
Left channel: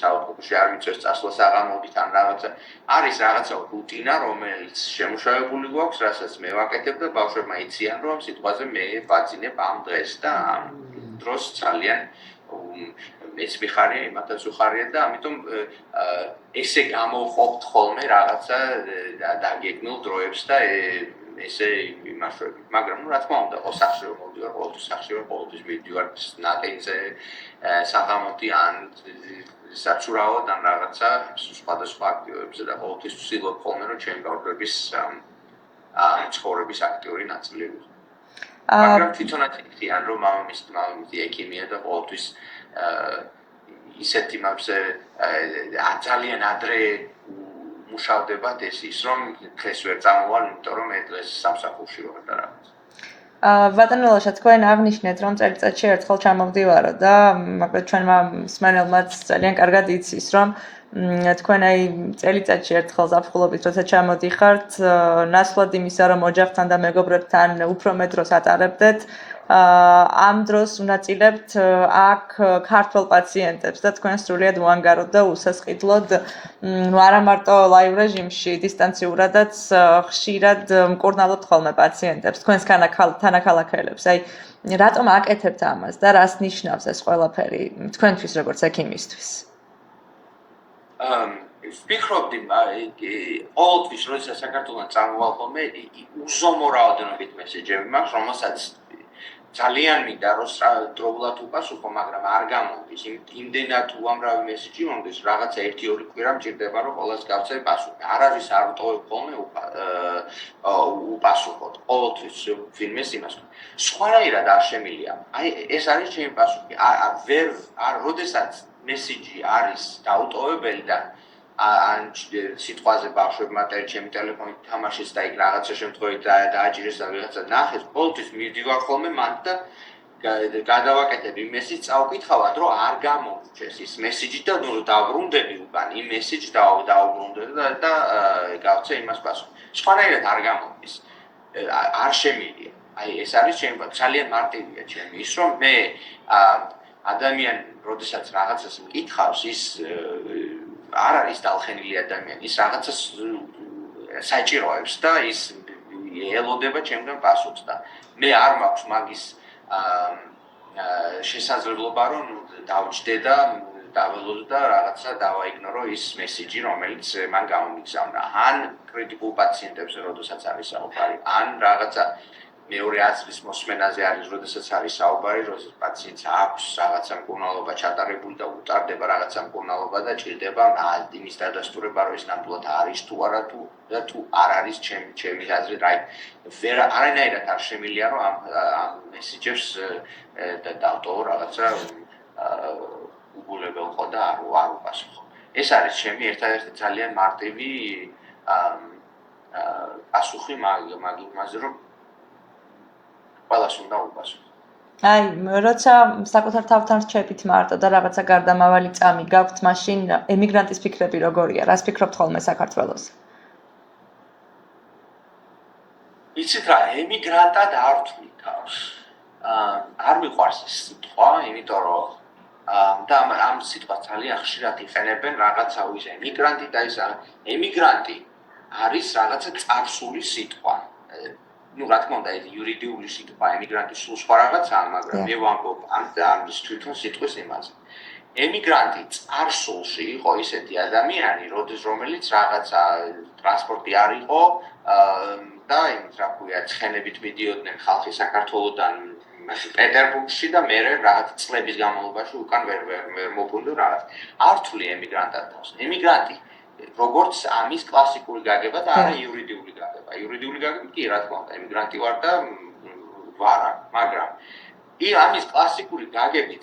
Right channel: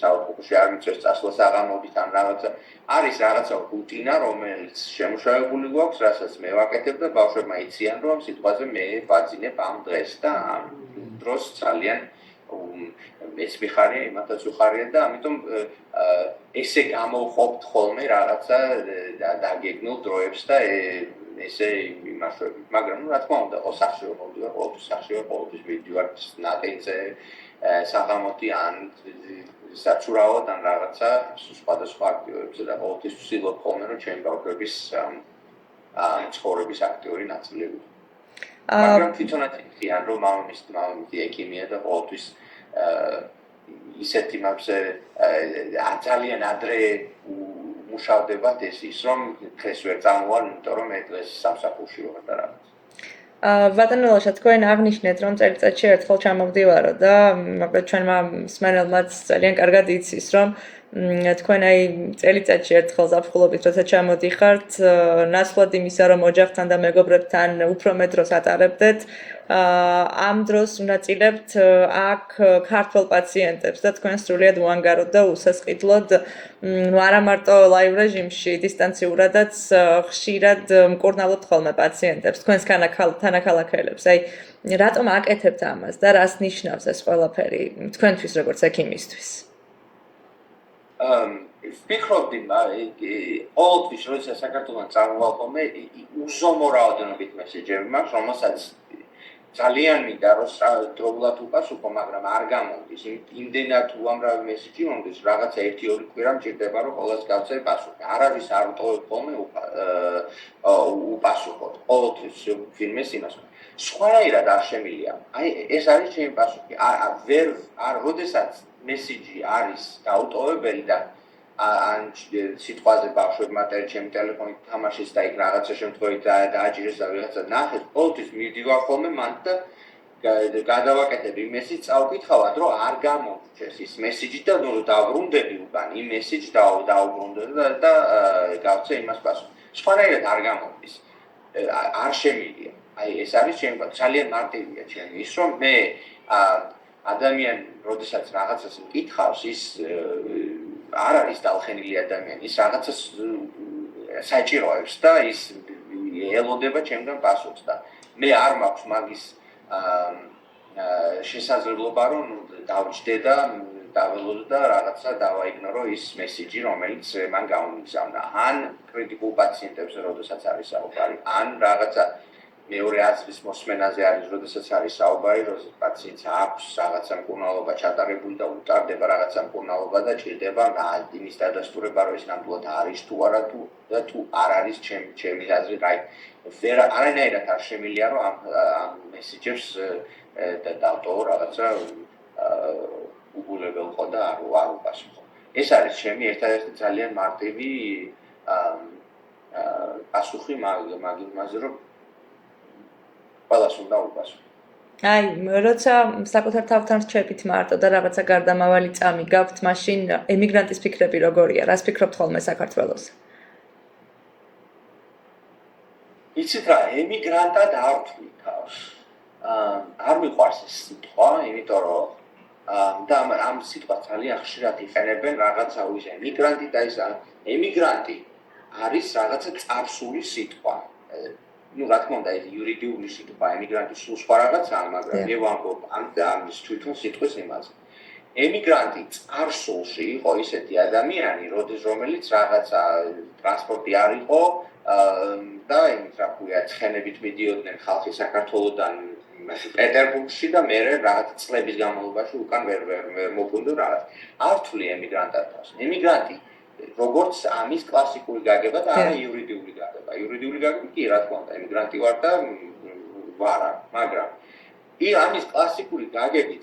საავადმყოფოში არ მიწევს წასვლა საღამოობით ან რაღაცა, არის რაღაცა რუტინა, რომელიც შემუშავებული გვაქვს, რასაც მე ვაკეთებ და ბავშვებმა იციან, რომ სიტყვაზე მე ვაძინებ ამ დღეს და ამ დროს ძალიან მეც მიხარია, იმათაც უხარია და ამიტომ ესე გამოვყოფთ ხოლმე რაღაცა დაგეგმილ დროებს და ესე იმაშვები. მაგრამ რა თქმა უნდა, ოსახში რომ მოვდივარ, ყოველთვის სახში ვარ, ყოველთვის მივდივარ ნატენზე, საღამოთი ან საცურაოდ ან რაღაცა სხვადასხვა აქტივობებზე და ყოველთვის ვცდილობ ხოლმე რომ ჩემი ბავშვების ცხოვრების აქტიური ნაწილი ვიყო. მაგრამ თვითონაც იციან რომ მამამისი ექიმია და ყოველთვის ისეთი მაგზე ძალიან ადრე მუშავდებათ ის რომ დღეს ვერ წამოვალ, იმიტომ რომ მე დღეს სამსახურში ვარ და რაღაც. ბატონო ლაშა, თქვენ აღნიშნეთ რომ წელიწადში ერთხელ ჩამოვდივარო და მაგრამ ჩვენმა მსმენელმაც ძალიან კარგად იცის რომ თქვენ აი წელიწადში ერთხელ ზაფხულობით როცა ჩამოდიხართ, ნაცვლად იმისა რომ ოჯახთან და მეგობრებთან უფრო მეტ დროს ატარებდეთ, ამ დროს უნაწილებთ აქ ქართველ პაციენტებს და თქვენ სრულიად უანგაროდ და უსასყიდლოდ არა მარტო ლაივ რეჟიმში, დისტანციურადაც ხშირად მკურნალობთ ხოლმე პაციენტებს, თქვენს თანაქალაქელებს. აი, რატომ აკეთებთ ამას და რას ნიშნავს ეს ყველაფერი თქვენთვის როგორც ექიმისთვის? ვფიქრობდი, ყოველთვის როდესაც საქართველოს წამოვალ ხოლმე, უზომო რაოდენობით მესეჯები მაქვს, რომელსაც ძალიან მინდა რომ დროულად უპასუხო, მაგრამ არ გამოდის. იმდენად უამრავი მესეჯი მომდის, რაღაცა 1-2 კვირა მჭირდება რომ ყველას გავცე პასუხი. არავის არ ვტოვებ ხოლმე უპასუხოთ. ყოველთვის ვინმეს იმას. სხვანაირად არ შემილია. აი ეს არის ჩემი პასუხი. როდესაც მესეჯი არის დაუტოვებელი და ან სიტყვაზე ბავშვებმა ჩემი ტელეფონით თამაშეს და იქ რაღაცა შემთხვევით დააჭირეს და ვიღაცა ნახეს, ყოველთვის მივდივარ ხოლმე მანდ და გადავაკეთებ იმ მესიჯს, წავკითხავად, რომ არ გამომრჩეს ის მესიჯი და ნუ დავბრუნდები უკან იმ მესიჯს დავბრუნდები და გავცე იმას პასუხი. სხვანაირად არ გამომდის. არ შემიძლია. აი ეს არის ჩემი ძალიან მარტივია ჩემი ის რომ მე ადამიანი როდესაც რაღაცას მკითხავს ის არ არის დალხენილი ადამიანი ის რაღაცას საჭიროებს და ის ელოდება ჩემგან პასუხს და მე არ მაქვს მაგის შესაძლებლობა რომ დავჭდე და დაველოდო და რაღაცა დავაიგნორო ის მესიჯი რომელიც მან გამომიგზავნა ან კრიტიკულ პაციენტებზე როდესაც არის საუბარი ან რაღაცა მეორე აზრის მოსმენაზე არის როდესაც არის საუბარი როდესაც პაციენტს აქვს რაღაცა მკურნალობა ჩატარებული და უტარდება რაღაცა მკურნალობა და ჭირდება იმის დადასტურება რომ ის ნამდვილად არის თუ არა და თუ არ არის ჩემი აზრით ვერ არანაირად არ შემიძლია რომ ამ მესიჯებს დავტოვო რაღაცა უგულებელყო და არ უპასუხო. ეს არის ჩემი ერთადერთი ძალიან მარტივი პასუხი მაგ რომ ყველას უნდა უპასუხო. აი, როცა საკუთარ თავთან რჩებით მარტო და რაღაცა გარდამავალი წამი გაქვთ, მაშინ ემიგრანტის ფიქრები როგორია? რას ფიქრობთ ხოლმე საქართველოს? იცით რა, ემიგრანტად არ ვთვლი თავს. არ მიყვარს ეს სიტყვა, იმიტომ რომ და ამ სიტყვას ძალიან ხშირად იყენებენ რაღაცა ის ემიგრანტი და ის ემიგრანტი არის რაღაცა წარსული სიტყვა. ну, რა თქმა უნდა, ეს იურიდიული სიტყვა, ემიგრანტი სულ სხვა რაღაცაა, მაგრამ მე ვამბობ ამის თვითონ სიტყვის იმაზე. ემიგრანტი წარსულში იყო ისეთი ადამიანი, რომელიც რაღაცა ტრანსპორტი არ იყო და იმით რა ქვია, ცხენებით მიდიოდნენ ხალხი საქართველოდან პეტერბურგში და მე რაღაც წლების განმავლობაში უკან ვერ მოვბრუნდო რაღაც. არ ვთვლი ემიგრანტად თავს. ემიგრანტი როგორც ამის კლასიკური გაგება და არა იურიდიული გაგება. იურიდიული გაგება კი რა თქმა უნდა, ემიგრანტი ვარ და ვარა, მაგრამ ამის კლასიკური გაგებით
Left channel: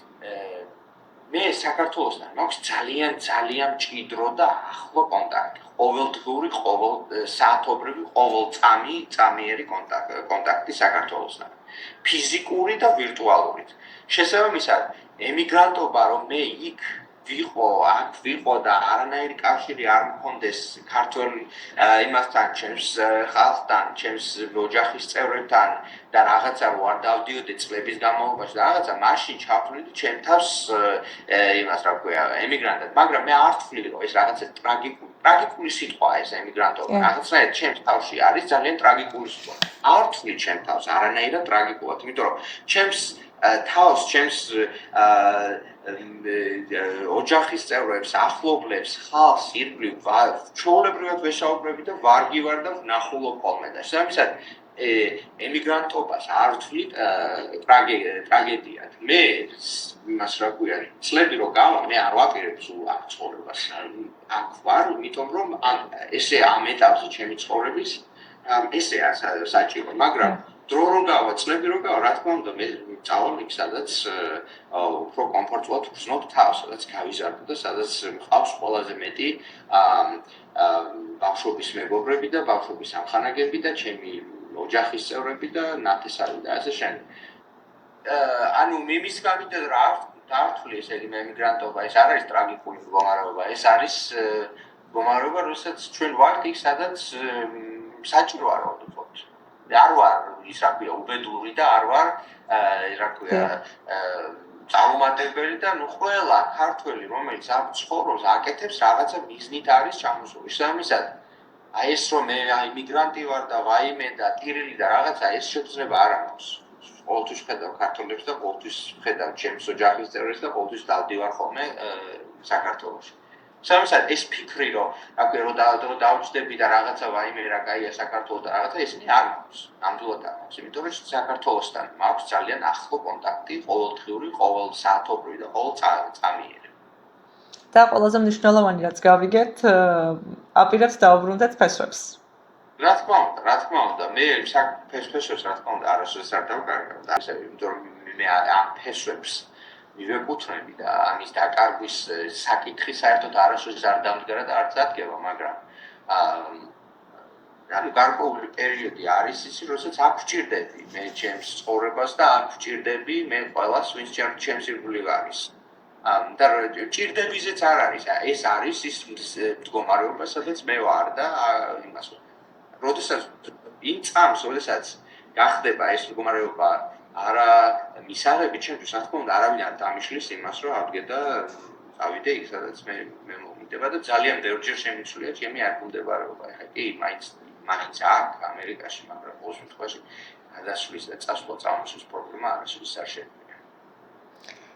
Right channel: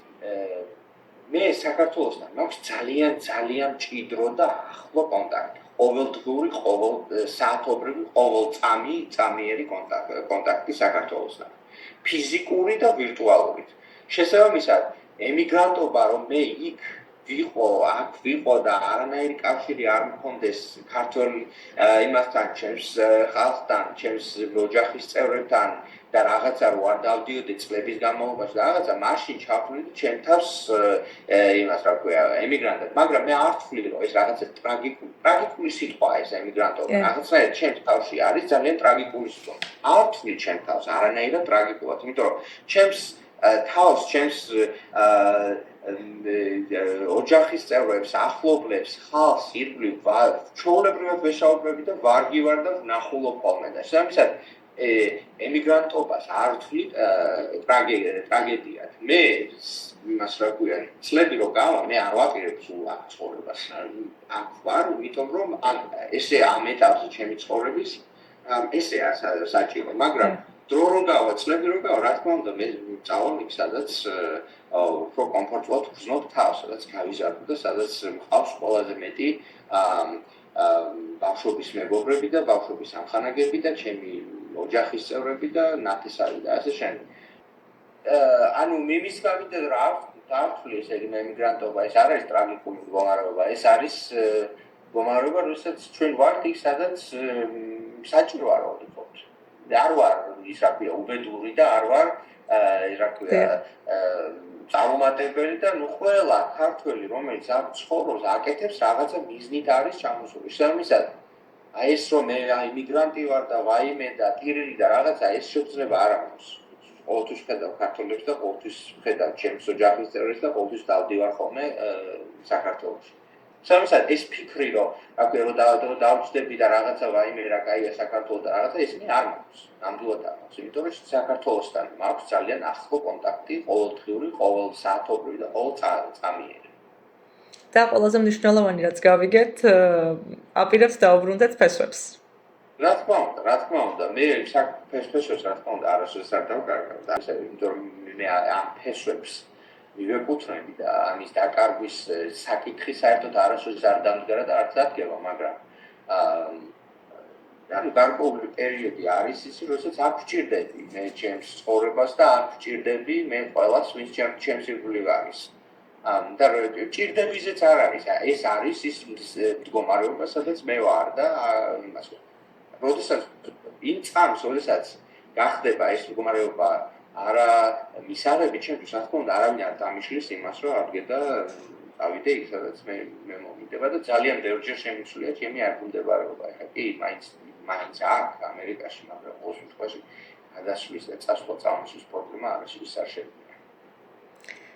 მე საქართველოსთან მაქვს ძალიან მჭიდრო და ახლო კონტაქტი. ყოველდღიური, საათობრივი, ყოველწამიერი კონტაქტი საქართველოსთან. ფიზიკური და ვირტუალური. შესაბამისად, ემიგრანტობა რომ მე იქ ვიყო და არანაირი კავშირი არ მქონდეს ქართველი იმასთან, ჩემს ხალხთან, ჩემს ოჯახის წევრებთან და რაღაცა რო არ დავდიოდე წლების განმავლობაში და რაღაცა მაშინ ჩავთვლი ჩემ თავს იმას რა ქვია ემიგრანტად, მაგრამ მე არ ვთვლი რომ ეს რაღაცა ტრაგიკული სიტყვაა ეს ემიგრანტობა. რაღაცნაირად ჩემს თავში არის ძალიან ტრაგიკული სიტყვა. არ ვთვლი ჩემ თავს არანაირად ტრაგიკულად, იმიტომ რომ ჩემს ოჯახის წევრებს, ახლობლებს, ხალხს ირგვლივ ჩვეულებრივად ვესაუბრები და ვარგი ვარ და ვნახულობ ხოლმე და შესაბამისად ემიგრანტობას არ ვთვლით ტრაგედიად. მე იმას რა ქვია, წლები რო გავა, მე არ ვაპირებ სულ აქ ცხოვრებას. აქ ვარ, იმიტომ რომ ესე ამ ეტაპზე ჩემი ცხოვრების ესეა საჭირო, მაგრამ დრო რო გავა, წლები რო გავა, რა თქმა უნდა, მე წავალ იქ, სადაც უფრო კომფორტულად ვგრძნობ თავს, სადაც გავიზარდო და სადაც მყავს ყველაზე მეტი ბავშვობის მეგობრები და ბავშვობის ამხანაგები და ჩემი ოჯახის წევრები და ნათესავი და ასე შემდეგ. ანუ იმის გამიდე რა არ ვთვლი ესე იგი ემიგრანტობა, ეს არ არის ტრაგიკული მდგომარეობა, ეს არის მდგომარეობა, როდესაც ჩვენ ვართ იქ, სადაც საჭირო არ ვთქვათ. არ ვარ ის რა ქვია უბედური და არ ვარ რა ქვია წარუმატებელი და ნუ ყველა ქართველი რომელიც აქ ცხოვრობს აკეთებს რაღაცა მიზნით არის ჩამოსული. შესაბამისად აი ეს რომ მე იმიგრანტი ვარ და ვაიმე და ტირილი და რაღაცა ეს შეცდომა არ აქვს. ყოველთვის ხედავ ქართველებს და ყოველთვის ხედავ ჩემს ოჯახის წევრებს და ყოველთვის დავდივარ ხოლმე საქართველოში. შესაბამისად ეს ფიქრი რომ აკვე რომ დავჭდები და რაღაცა ვაიმე რა კაია საქართველოს და რაღაცა ისინი არ მაქვს. ნამდვილად არ მაქვს. იმიტომ რომ საქართველოსთან მაქვს ძალიან ახლო კონტაქტი, ყოველდღიური, ყოველსაათობრივი და ყოველწამიერი. და ყველაზე მნიშვნელოვანი რაც გავიგეთ, აპირებთ დაუბრუნდეთ ფესვებს. რა თქმა უნდა, მე ფესვებს რა თქმა უნდა არასოდეს არ დავკარგავ და ისე, იმიტომ რომ მე ამ ფესვებს მივეკუთვნები და ამის დაკარგვის საკითხი საერთოდ არასოდეს არ დამდგარა და არც დადგება, მაგრამ ანუ გარკვეული პერიოდი არის ისი, როდესაც არ გვჭირდები მე ჩემს ცხოვრებას და არ გვჭირდები მე ყველას, ვინც ჩემს ირგვლივ არის. და ჭირდებიზეც არ არის. ეს არის ის მდგომარეობა, სადაც მე ვარ და იმას. როდესაც იმ წამს, როდესაც გახდება ეს მდგომარეობა არა მისაღები ჩემთვის, რა თქმა უნდა, არავინ არ დამიშლის იმას, რომ ავდგე და ავიდე იქ, სადაც მე მომიდება და ძალიან ბევრჯერ შემიცვლია ჩემი არგუმდებარეობა. ეხლა კი მაინც აქ ამერიკაში, მაგრამ ყოველ შემთხვევაში გადასვლის და წამოსვლის პრობლემა არასოდეს არ შეგვიძლია.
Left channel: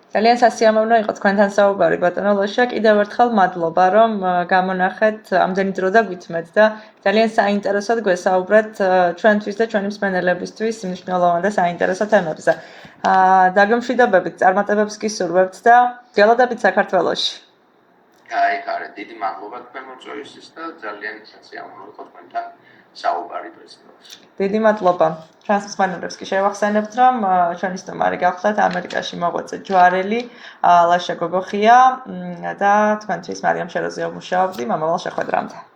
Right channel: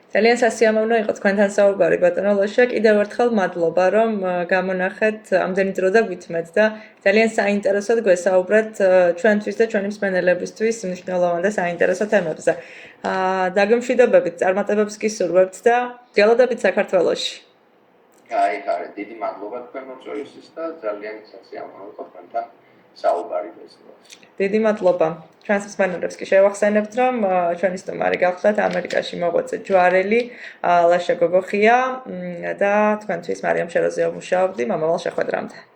ძალიან სასიამოვნო იყო თქვენთან საუბარი ბატონო ლოშა. კიდევ ერთხელ მადლობა რომ გამონახეთ ამდენი დრო და გვითმეთ და ძალიან საინტერესოდ გვესაუბრეთ ჩვენთვის და ჩვენი მსმენელებისთვის მნიშვნელოვან და საინტერესო თემებზე. დაგემშვიდობებით, წარმატებებს გისურვებთ და გველოდებით საქართველოში. აი, დიდი მადლობა თქვენ მოწვევისთვის და ძალიან სასიამოვნო იყო თქვენთან საუბარი დღესდღეობით. დიდი მადლობა. ჩვენს მსმენელებს კი შევახსენებთ, რომ ჩვენი სტუმარი გახლდათ ამერიკაში მოღვაწე ჯვარელი ლაშა გოგოხია და თქვენთვის მარიამ შეროზია მუშაობდი მომავალ შეხვედრამდე.